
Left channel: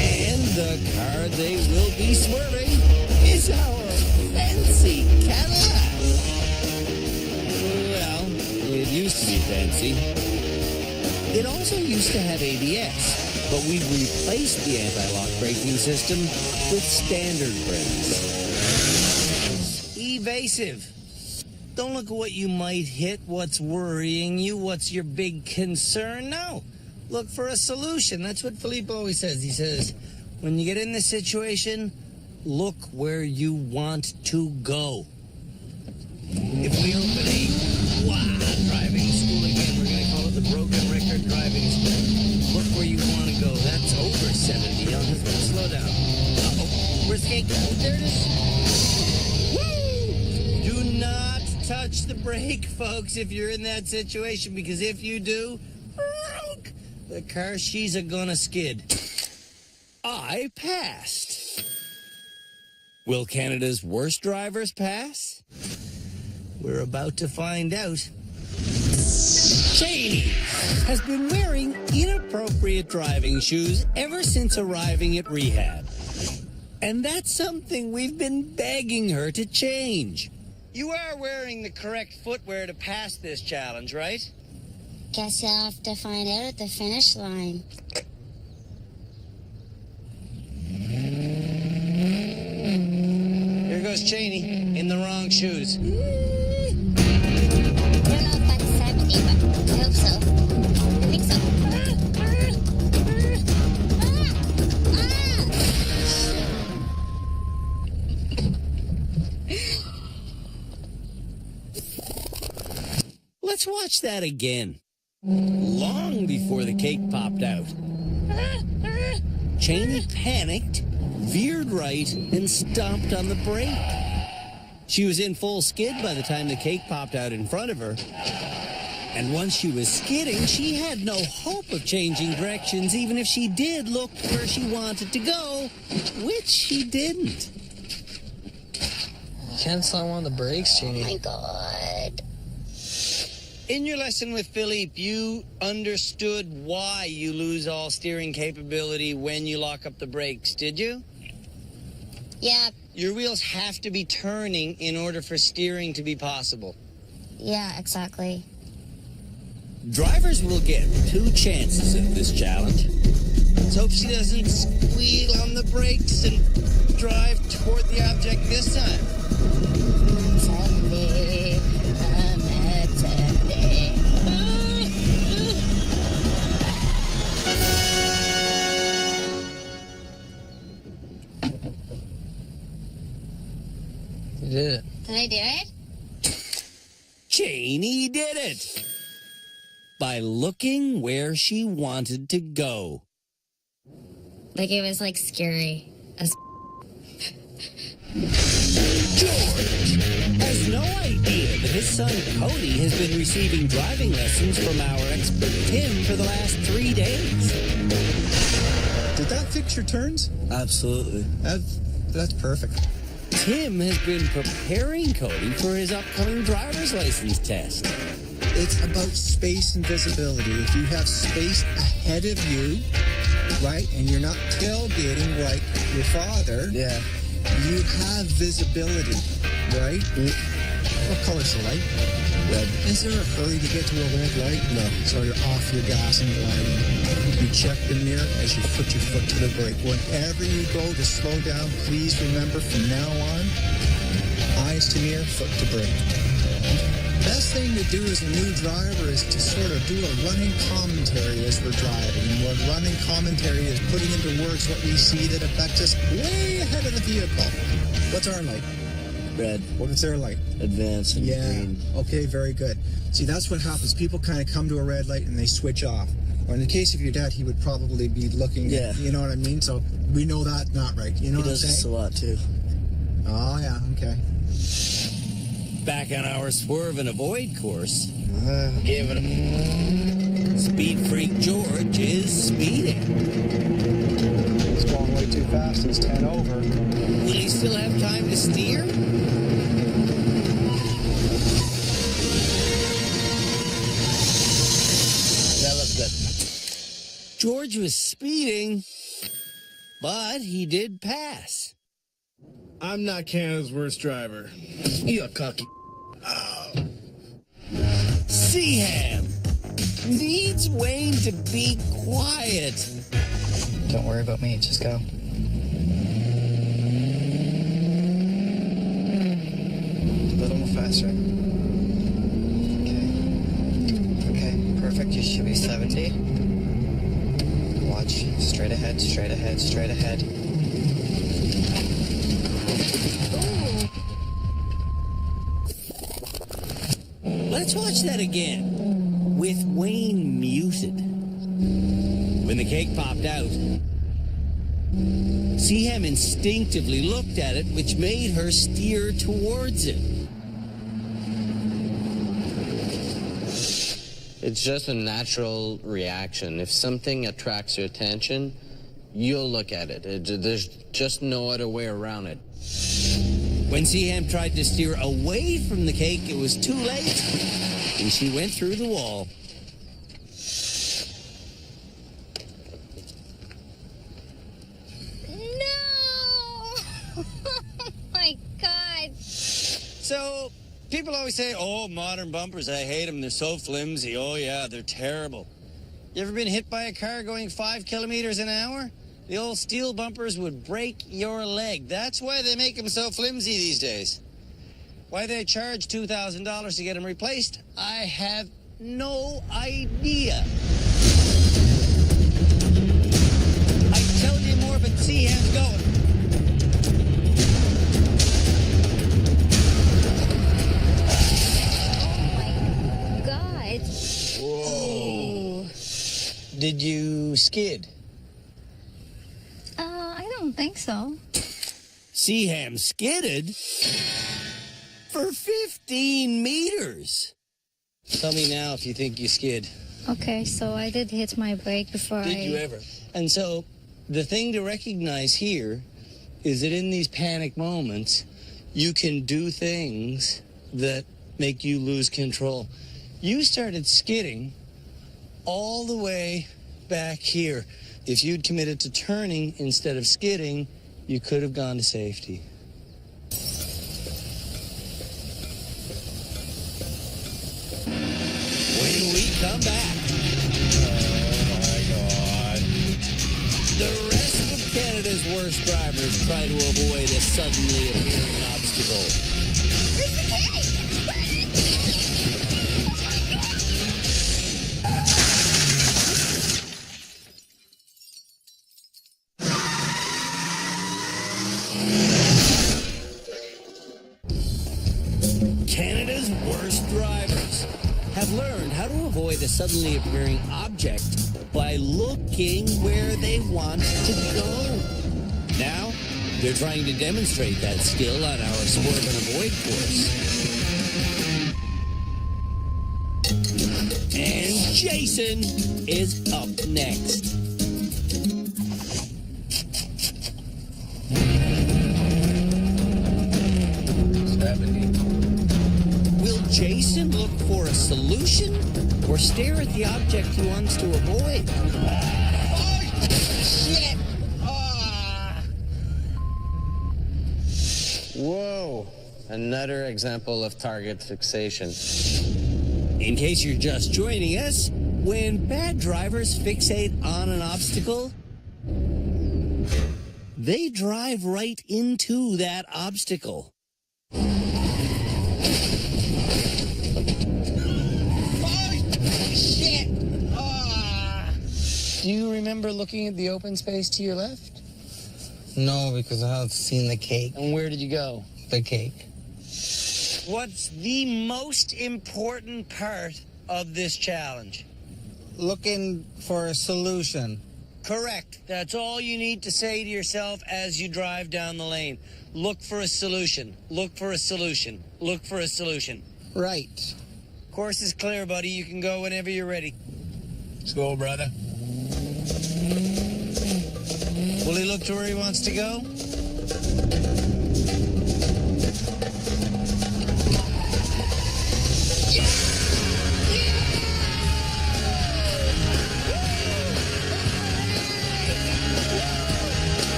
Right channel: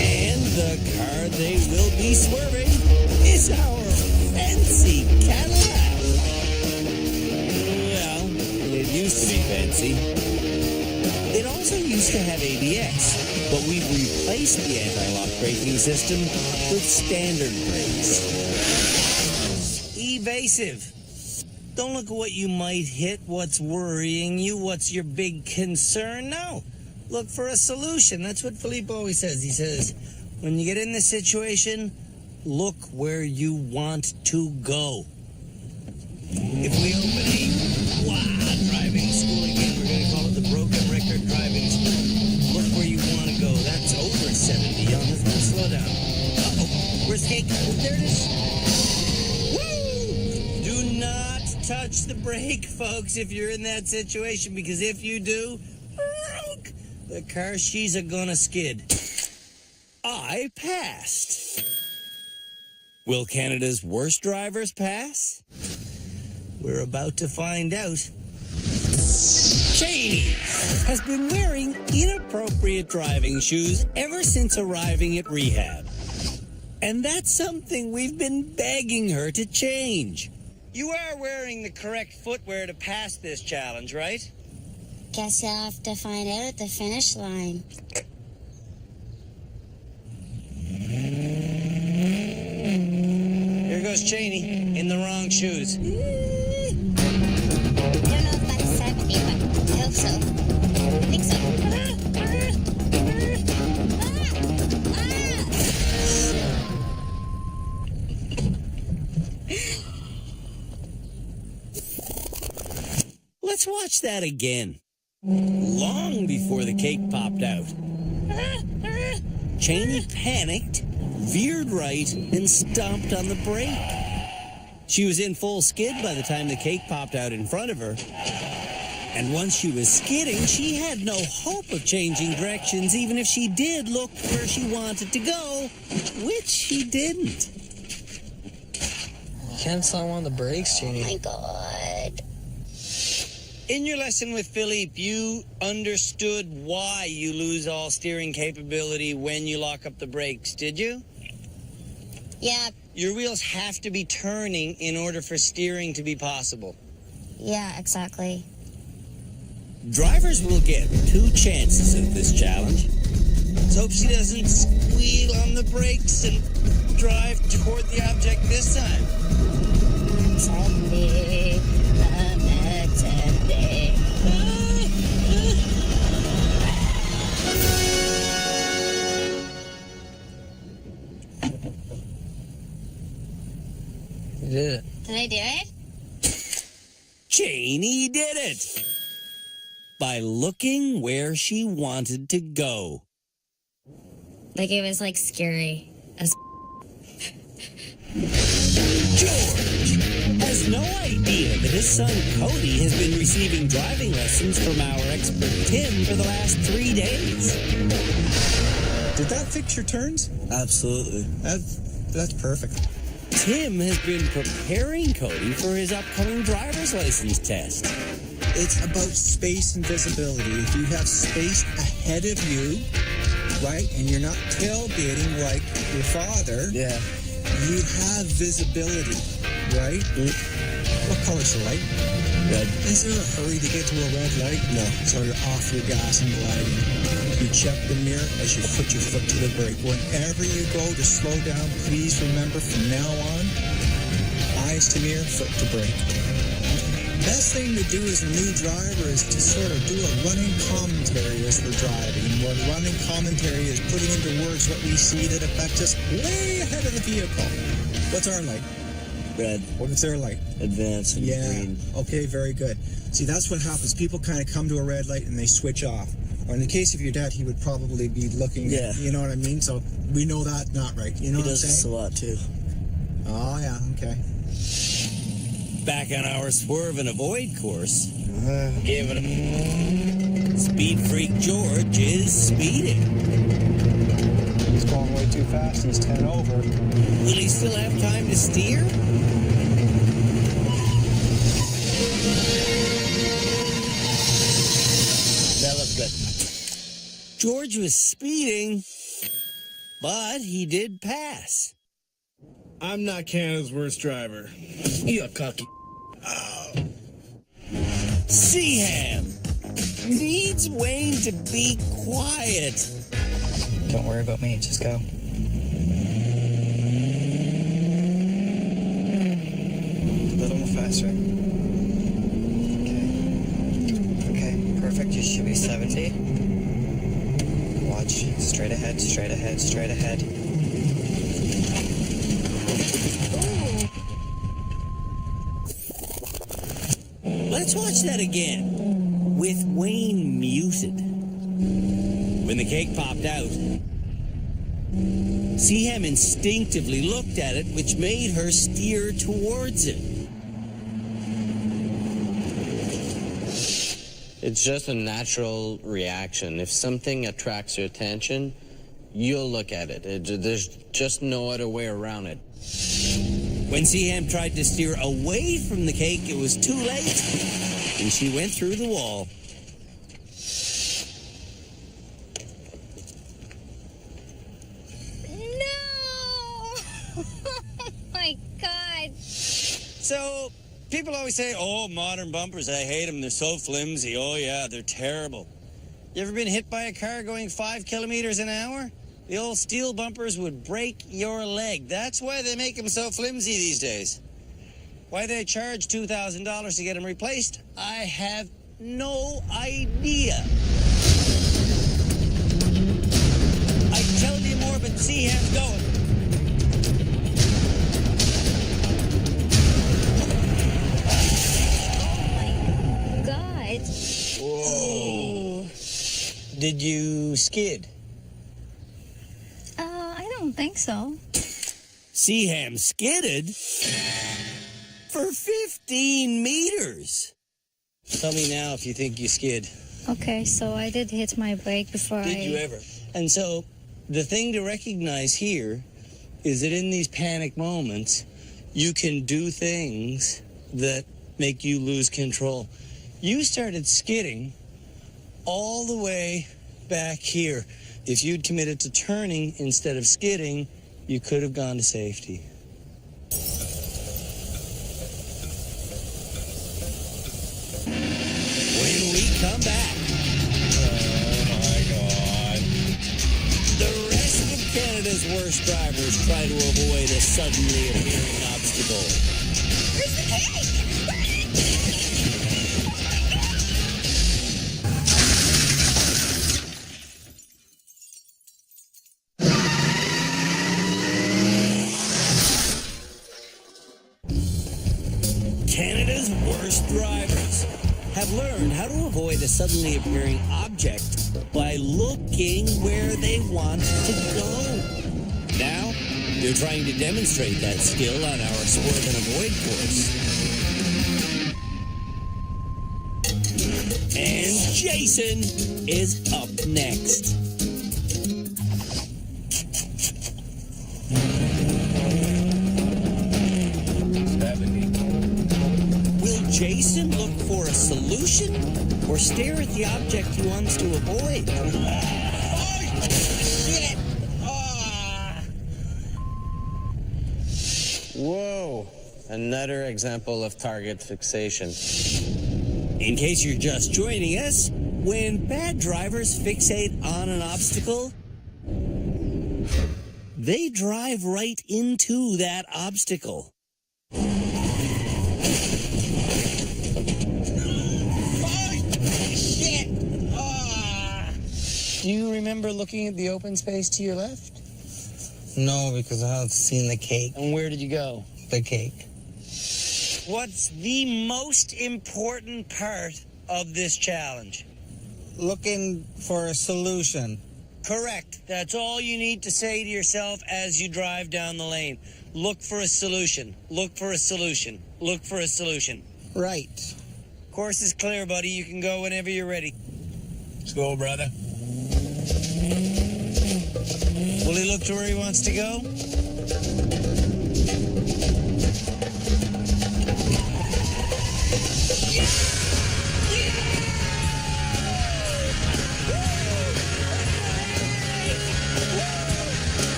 And the car they will be swerving is our fancy Cadillac. Well, it used to be fancy. It also used to have ABS, but we've replaced the anti-lock braking system with standard brakes. Evasive. Don't look at what you might hit, what's worrying you, what's your big concern. No, look for a solution. That's what Philippe always says. He says, when you get in this situation, look where you want to go. If we open a driving school again, we're going to call it the Broken Record Driving School. Look where you want to go. That's over 70. Let's go slow down. Uh-oh. Where's the cake? There it is. Woo! Do not touch the brake, folks, if you're in that situation, because if you do, the car she's gonna skid. I passed. Will Canada's worst drivers pass? We're about to find out. Cheney has been wearing inappropriate driving shoes ever since arriving at rehab. And that's something we've been begging her to change. You are wearing the correct footwear to pass this challenge, right? Guess you'll have to find out at the finish line. Here goes Cheney in the wrong shoes. I don't know if that's 70, but I hope so. I think so. Let's watch that again. Long before the cake popped out. Cheney panicked, veered right, and stomped on the brake. She was in full skid by the time the cake popped out in front of her. And once she was skidding, she had no hope of changing directions, even if she did look where she wanted to go, which she didn't. You can't slam on the brakes, Jeannie. Oh my God. In your lesson with Philippe, you understood why you lose all steering capability when you lock up the brakes, did you? Yeah. Your wheels have to be turning in order for steering to be possible. Yeah, exactly. Drivers will get 2 chances at this challenge. Let's hope she doesn't squeal on the brakes and drive toward the object this time. I'm 70. I'm at 70. You did it. Did I do it? Cheney did it! By looking where she wanted to go. Like it was like scary as George has no idea that his son Cody has been receiving driving lessons from our expert Tim for the last 3 days. Did that fix your turns? Absolutely. That's perfect. Tim has been preparing Cody for his upcoming driver's license test. It's about space and visibility. If you have space ahead of you, right, and you're not tailgating like your father, Yeah. you have visibility, right? What color's the light? Red. Is there a hurry to get to a red light? No. So you're off your gas and gliding. You check the mirror as you put your foot to the brake. Whenever you go to slow down, please remember from now on, eyes to mirror, foot to brake. Best thing to do as a new driver is to sort of do a running commentary as we're driving. What running commentary is putting into words what we see that affects us way ahead of the vehicle. What's our light? Red. What's their light? Advance and green. Okay, very good. See, that's what happens. People kind of come to a red light and they switch off. Or in the case of your dad, he would probably be looking at, you know what I mean? So we know that's not right. You know what I'm saying? He does this a lot, too. Oh, yeah, okay. Back on our swerve and avoid course. Give it a... Speed freak George is speeding. He's going way too fast. He's 10 over. Will he still have time to steer? That looks good. George was speeding, but he did pass. I'm not Canada's worst driver. You're cocky. Seaham needs Wayne to be quiet. Don't worry about me, just go. A little more faster. Okay, perfect. You should be 70. Watch. Straight ahead, straight ahead, straight ahead. Let's watch that again, with Wayne muted. When the cake popped out, Seaham instinctively looked at it, which made her steer towards it. It's just a natural reaction. If something attracts your attention, you'll look at it. There's just no other way around it. When Seaham tried to steer away from the cake, it was too late, and she went through the wall. No! Oh my God. So, people always say, oh, modern bumpers, I hate them. They're so flimsy. Oh, yeah, they're terrible. You ever been hit by a car going 5 kilometers an hour? The old steel bumpers would break your leg. That's why they make them so flimsy these days. Why they charge $2,000 to get them replaced, I have no idea. I'd tell you more, but Seaham's going. God. Whoa. Did you skid? I don't think so. Seaham skidded for 15 meters. Tell me now if you think you skid. Okay, so I did hit my brake before Did you ever? And so the thing to recognize here is that in these panic moments, you can do things that make you lose control. You started skidding all the way back here. If you'd committed to turning instead of skidding, you could have gone to safety. When we come back, Oh my God. the rest of Canada's worst drivers try to avoid a suddenly appearing obstacle. Where's the cake? Canada's worst drivers have learned how to avoid a suddenly appearing object by looking where they want to go. Now, they're trying to demonstrate that skill on our swerve and avoid course. And Jason is up next. Will Jason look for a solution or stare at the object he wants to avoid? Shit! Whoa. Another example of target fixation. In case you're just joining us, when bad drivers fixate on an obstacle, they drive right into that obstacle. Shit! Do you remember looking at the open space to your left? No, because I haven't seen the cake. And where did you go? The cake. What's the most important part of this challenge? Looking for a solution. Correct. That's all you need to say to yourself as you drive down the lane. Look for a solution. Look for a solution. Look for a solution. Right. Course is clear, buddy. You can go whenever you're ready. Let's go, brother. Will he look to where he wants to go?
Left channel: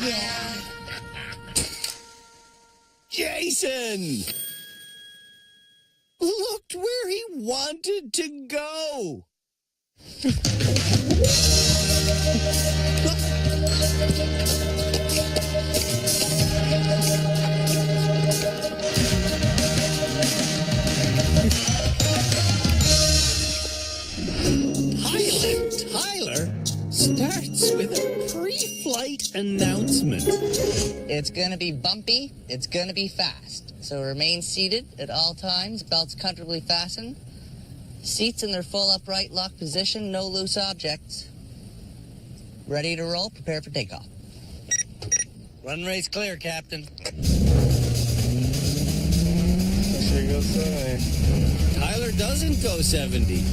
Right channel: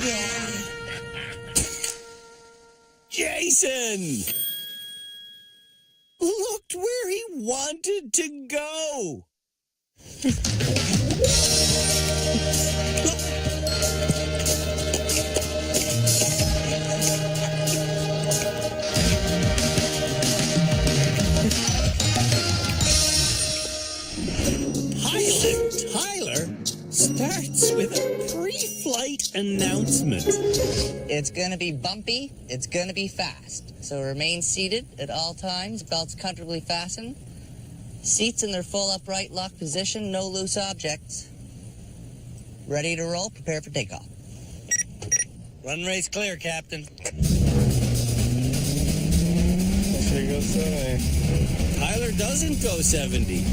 Yeah. Jason! Looked where he wanted to go. Tyler starts with a pre-flight announcement. It's going to be bumpy. It's going to be fast. So remain seated at all times. Belts comfortably fastened. Seats in their full upright lock position. No loose objects. Ready to roll. Prepare for takeoff. Runway's clear, Captain. Sure goes 70. Tyler doesn't go 70.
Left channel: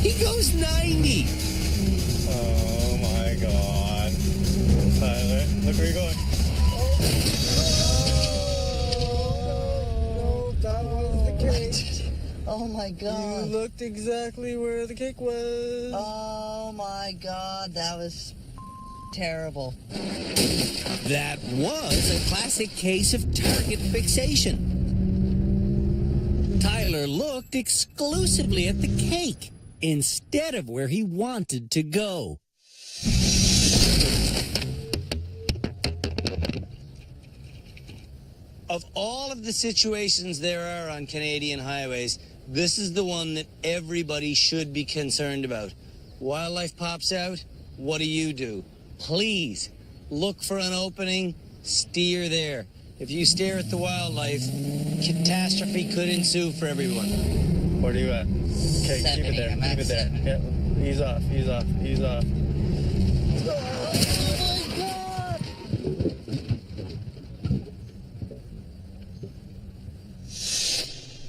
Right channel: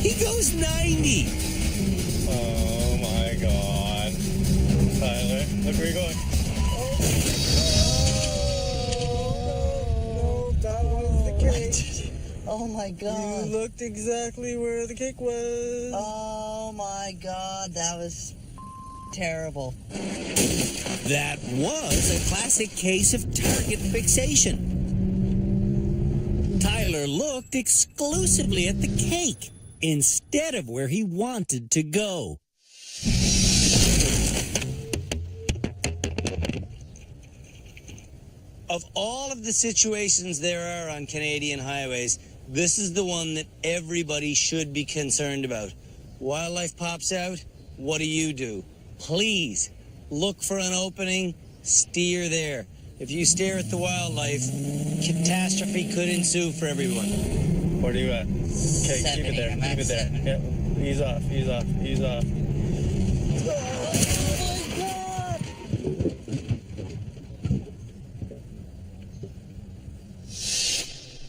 He goes 90. Oh my God. Tyler, look where you're going. No, that was the cake. Oh my God. You looked exactly where the cake was. Oh my God. That was terrible. That was a classic case of target fixation. Tyler looked exclusively at the cake instead of where he wanted to go. Of all of the situations there are on Canadian highways, this is the one that everybody should be concerned about. Wildlife pops out, what do? Please, look for an opening, steer there. If you stare at the wildlife, catastrophe could ensue for everyone. Where are you at? Okay, keep it there. Keep it there. Yeah. Ease off. Ease off. Ease off.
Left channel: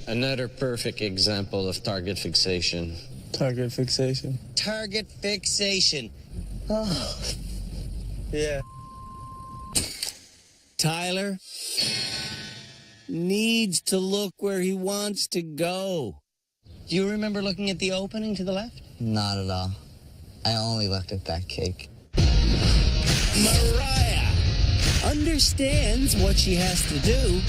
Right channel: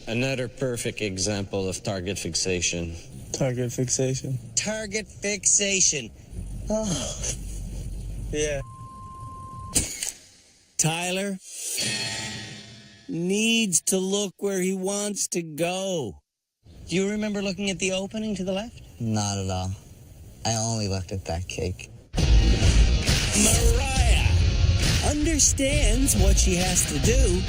Another perfect example of target fixation. Target fixation. Target fixation. Oh. Yeah. Tyler needs to look where he wants to go. Do you remember looking at the opening to the left? Not at all. I only looked at that cake. Mariah understands what she has to do.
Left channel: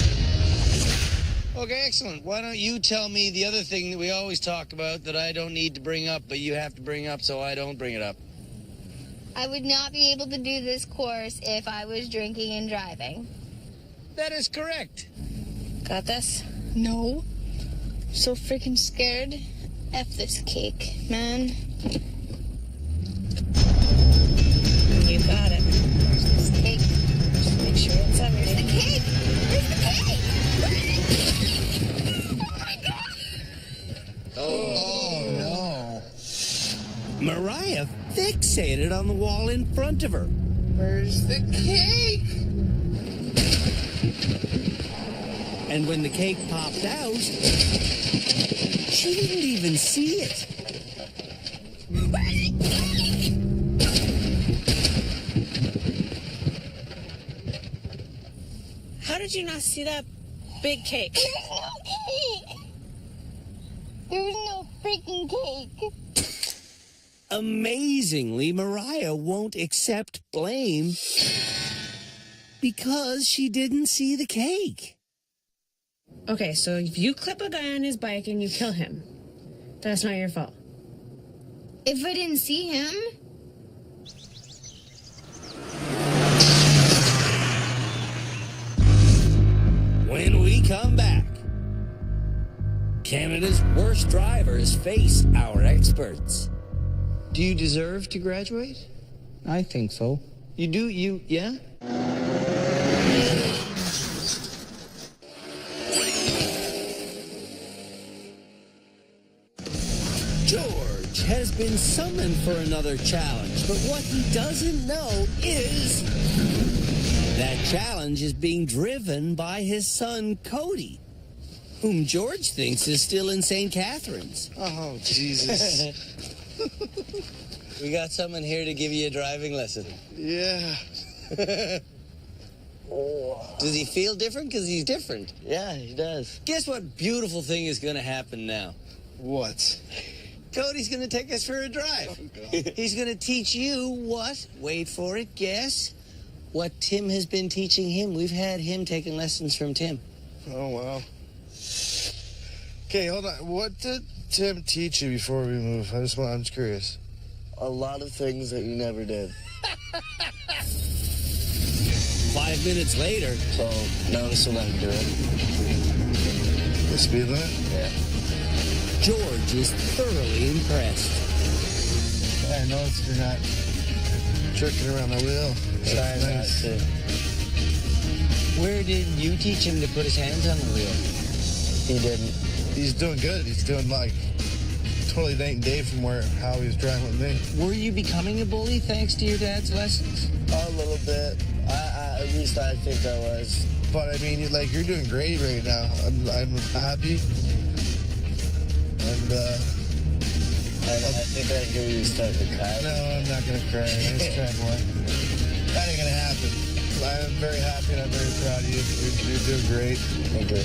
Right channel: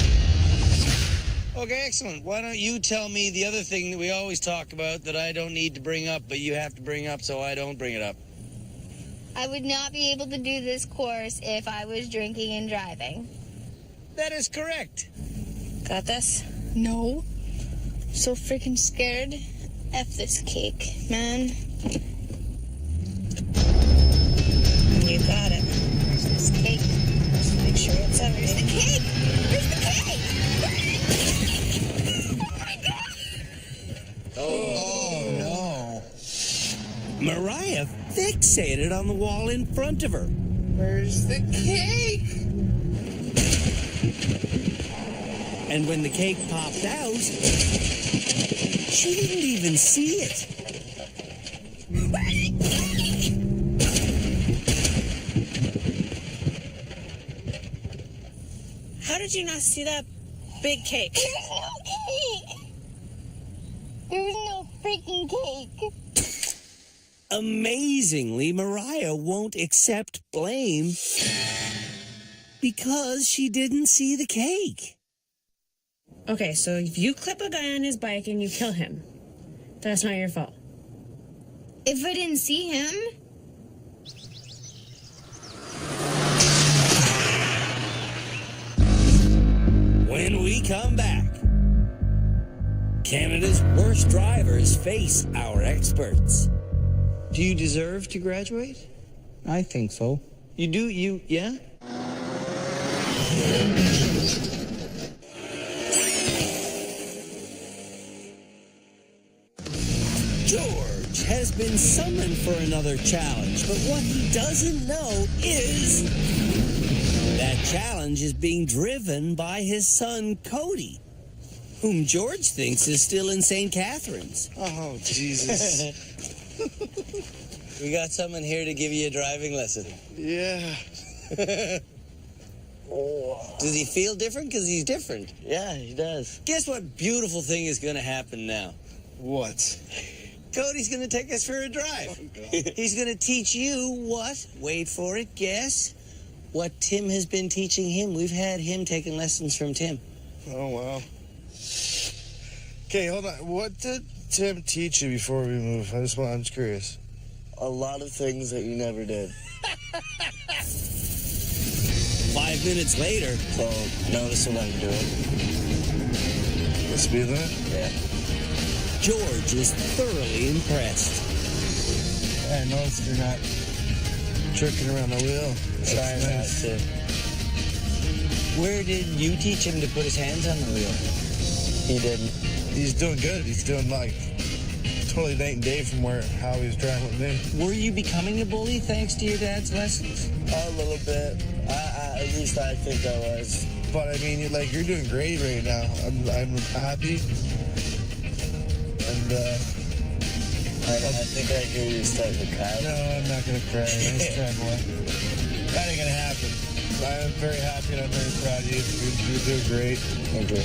Okay, excellent. Why don't you tell me the other thing that we always talk about that I don't need to bring up, but you have to bring up so I don't bring it up? I would not be able to do this course if I was drinking and driving. That is correct. Got this? No. So freaking scared. F this cake, man. You got it. Where's this cake? Just make sure it's Where's the cake? Where's the cake? Where's the cake? Oh my God! Oh no. Mariah fixated on the wall in front of her. Where's the cake? And when the cake popped out, she didn't even see it. How did you not see that big cake? There was no freaking cake. Amazingly, Mariah won't accept blame because she didn't see the cake. Okay, so if you clip a guy on his bike and you kill him, that's not your fault. If I didn't see him? When we come back, Canada's worst drivers face our experts. Do you deserve to graduate? I think so. You do? Yeah? has been summoned for another challenge, but what he doesn't know is that challenge is being driven by his son, Cody, whom George thinks is still in St. Catharines. Oh, Jesus. We got someone here to give you a driving lesson. Yeah. Does he feel different? Because he's different. Yeah, he does. Guess what beautiful thing is going to happen now? What? Cody's going to take us for a drive. He's going to teach you what? Wait for it, guess. What Tim has been teaching him. We've had him taking lessons from Tim. Oh, wow. Okay, hold on. What did Tim teach you before we move? I'm just curious. A lot of things that you never did. 5 minutes later. So, notice and let him do it. The speed limit? Yeah. George is thoroughly impressed. Yeah, I noticed you're not jerking around the wheel. Trying not That's to. Where did you teach him to put his hands on the wheel? He didn't. He's doing good. He's doing like totally night and day from how he was driving with me. Were you becoming a bully thanks to your dad's lessons? A little bit. At least I think I was. But I mean, you're doing great right now. I'm happy. And I think I hear you starting to cry. No, I'm not gonna cry. Nice try, boy. That ain't gonna happen. I'm very happy and I'm very proud of you. You're doing great. Thank you.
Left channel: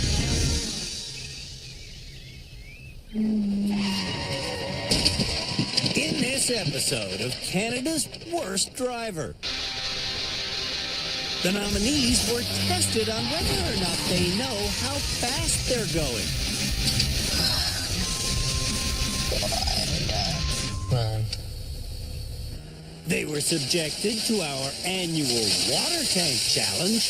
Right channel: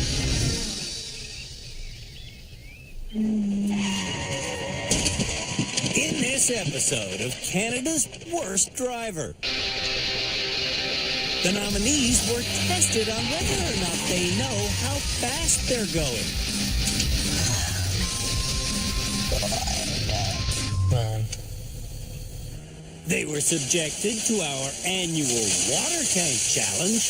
In this episode of Canada's Worst Driver, the nominees were tested on whether or not they know how fast they're going. They were subjected to our annual water tank challenge.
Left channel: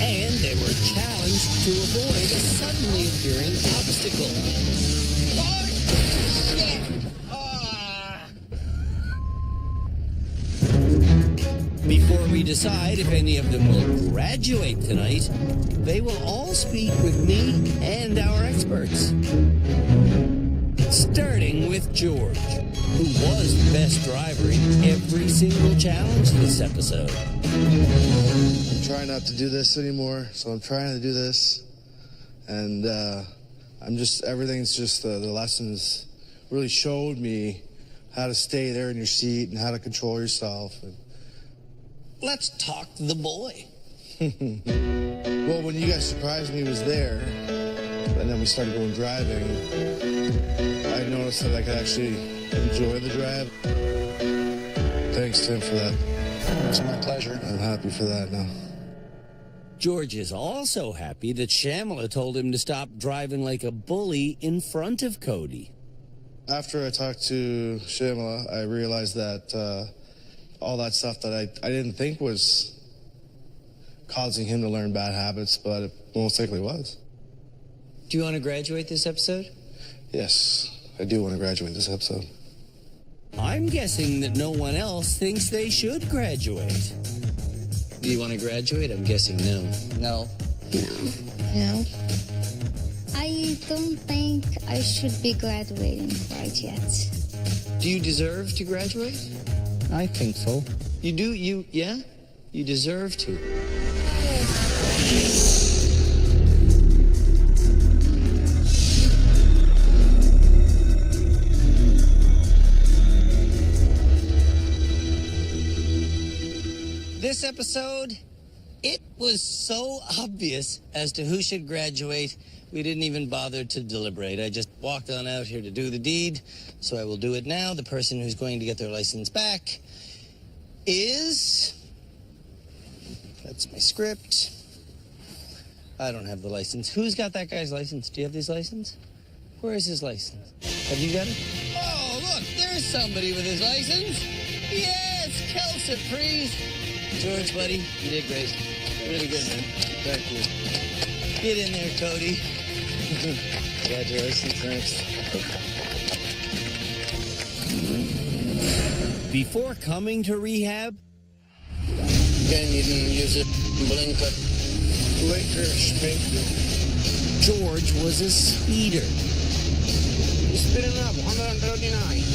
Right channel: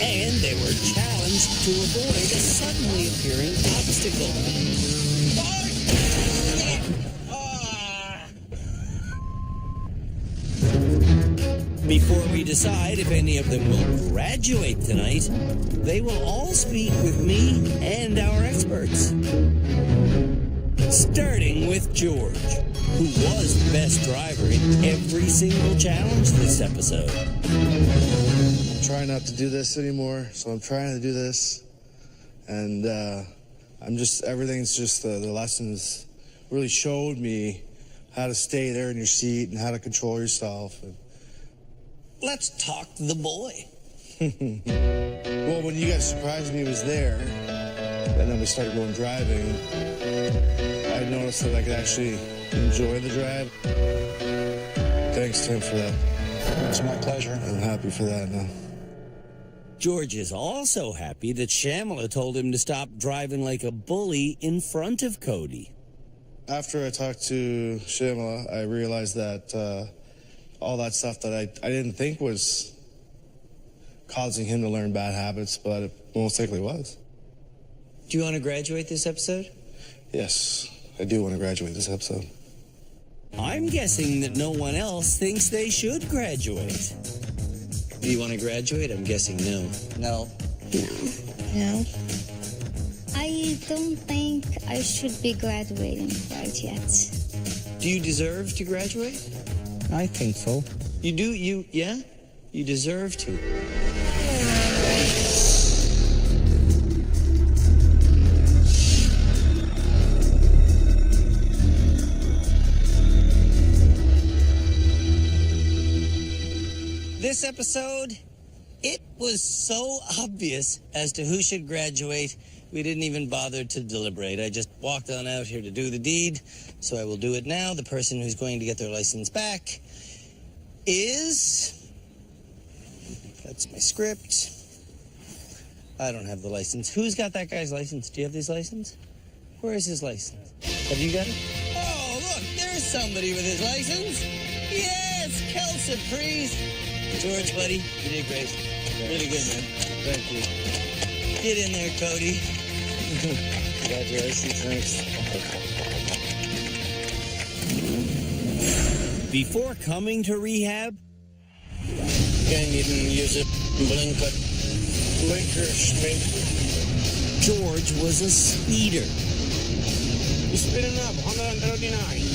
And they were challenged to avoid a suddenly appearing obstacle. Before we decide if any of them will graduate tonight, they will all speak with me and our experts. Starting with George, who was the best driver in every single challenge this episode. I'm trying not to do this anymore, so I'm trying to do this. And everything's just, the lessons really showed me how to stay there in your seat and how to control yourself. Let's talk the boy. Well, when you guys surprised me was there, and then we started going driving, I noticed that I could actually enjoy the drive. Thanks, Tim, for that. It was my pleasure. I'm happy for that now. George is also happy that Shamala told him to stop driving like a bully in front of Cody. After I talked to Shamala, I realized that all that stuff that I didn't think was causing him to learn bad habits, but it most likely was. Do you want to graduate this episode? Yes, I do want to graduate this episode. I'm guessing that no one else thinks they should graduate. Do you want to graduate? I'm guessing no. No. No. I don't think I should be graduating quite yet. Do you deserve to graduate? I think so. You do? Yeah? You deserve to. This episode, it was so obvious as to who should graduate, we didn't even bother to deliberate. I just walked on out here to do the deed, so I will do it now. The person who's going to get their license back is... That's my script. I don't have the license. Who's got that guy's license? Do you have his license? Where is his license? Have you got it? Oh, look, there's somebody with his license. Yes, Kel Surprise. George, buddy, you did great. Really good, man. Thank you. Get in there, Cody. Congratulations, thanks. Before coming to rehab, Again, you didn't use a blinker. Blinker, spanker. George was a speeder. You're speeding up, 139.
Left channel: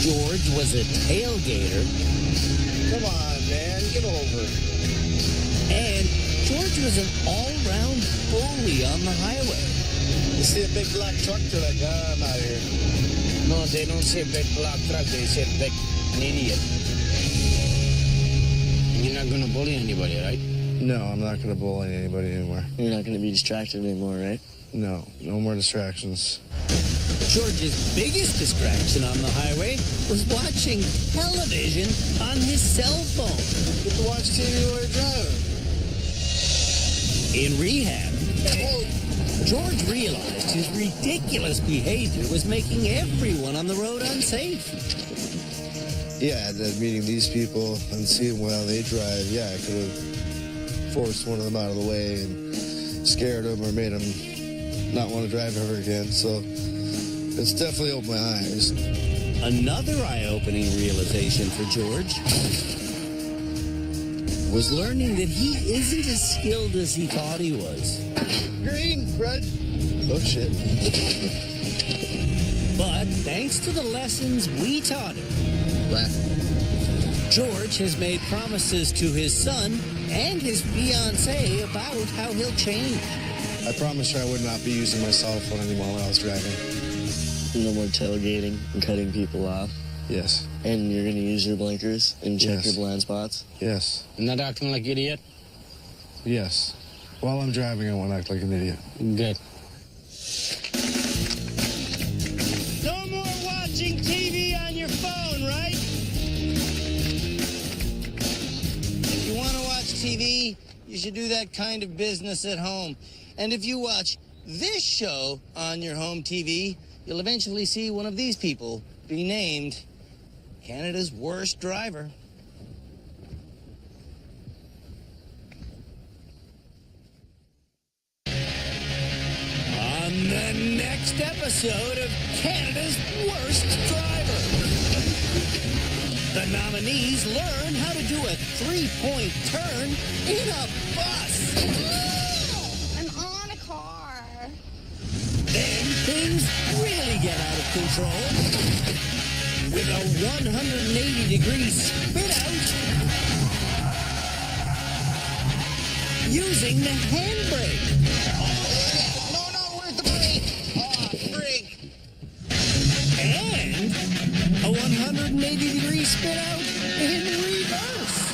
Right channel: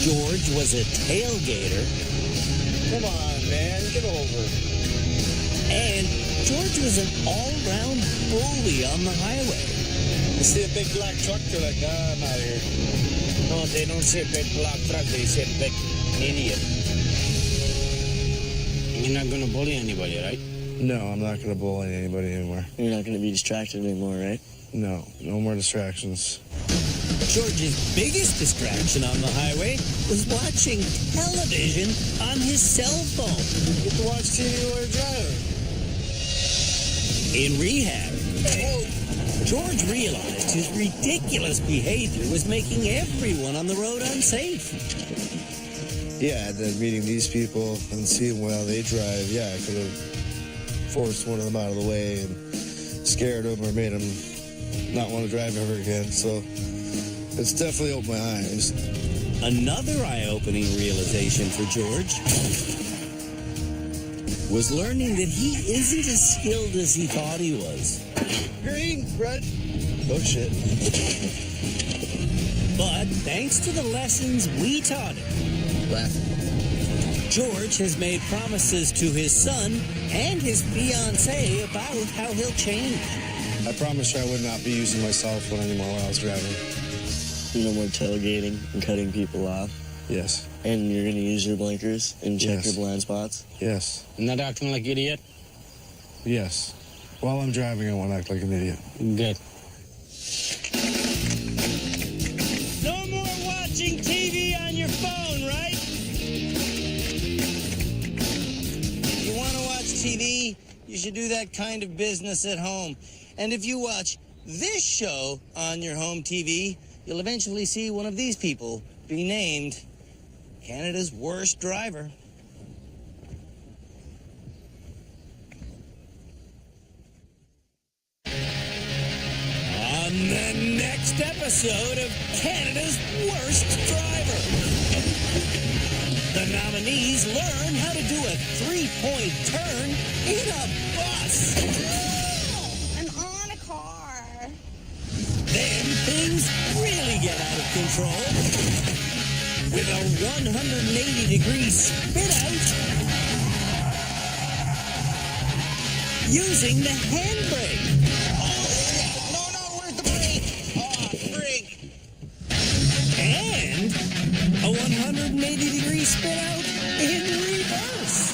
George was a tailgater. Come on, man, get over. And George was an all-round bully on the highway. They see a big black truck, they're like, I'm out of here. No, they don't say big black truck, they say big idiot. You're not gonna bully anybody, right? No, I'm not going to bully anybody anymore. You're not going to be distracted anymore, right? No, no more distractions. George's biggest distraction on the highway was watching television on his cell phone. You get to watch TV while you're driving. In rehab, George realized his ridiculous behavior was making everyone on the road unsafe. Yeah, and then meeting these people and seeing while they drive, yeah, I could have forced one of them out of the way and scared them or made them not want to drive ever again. So it's definitely opened my eyes. Another eye-opening realization for George was learning that he isn't as skilled as he thought he was. Green, red. Oh, shit. But thanks to the lessons we taught him, George has made promises to his son and his fiancée about how he'll change. I promised her I would not be using my cell phone anymore when I was driving. No more tailgating and cutting people off. Yes. And you're going to use your blinkers and check Yes. your blind spots? Yes. Not acting like an idiot? Yes. While I'm driving, I won't act like an idiot. Good. No more watching TV on your phone, right? If you want to watch TV, you should do that kind of business at home. And if you watch this show on your home TV, you'll eventually see one of these people be named Canada's worst driver. On the next episode of Canada's Worst Driver, the nominees learn how to do a three-point turn in a bus. I'm on a car. Then things really get out of control with a 180-degree spin-out using the handbrake. And a 180-degree spin out in reverse.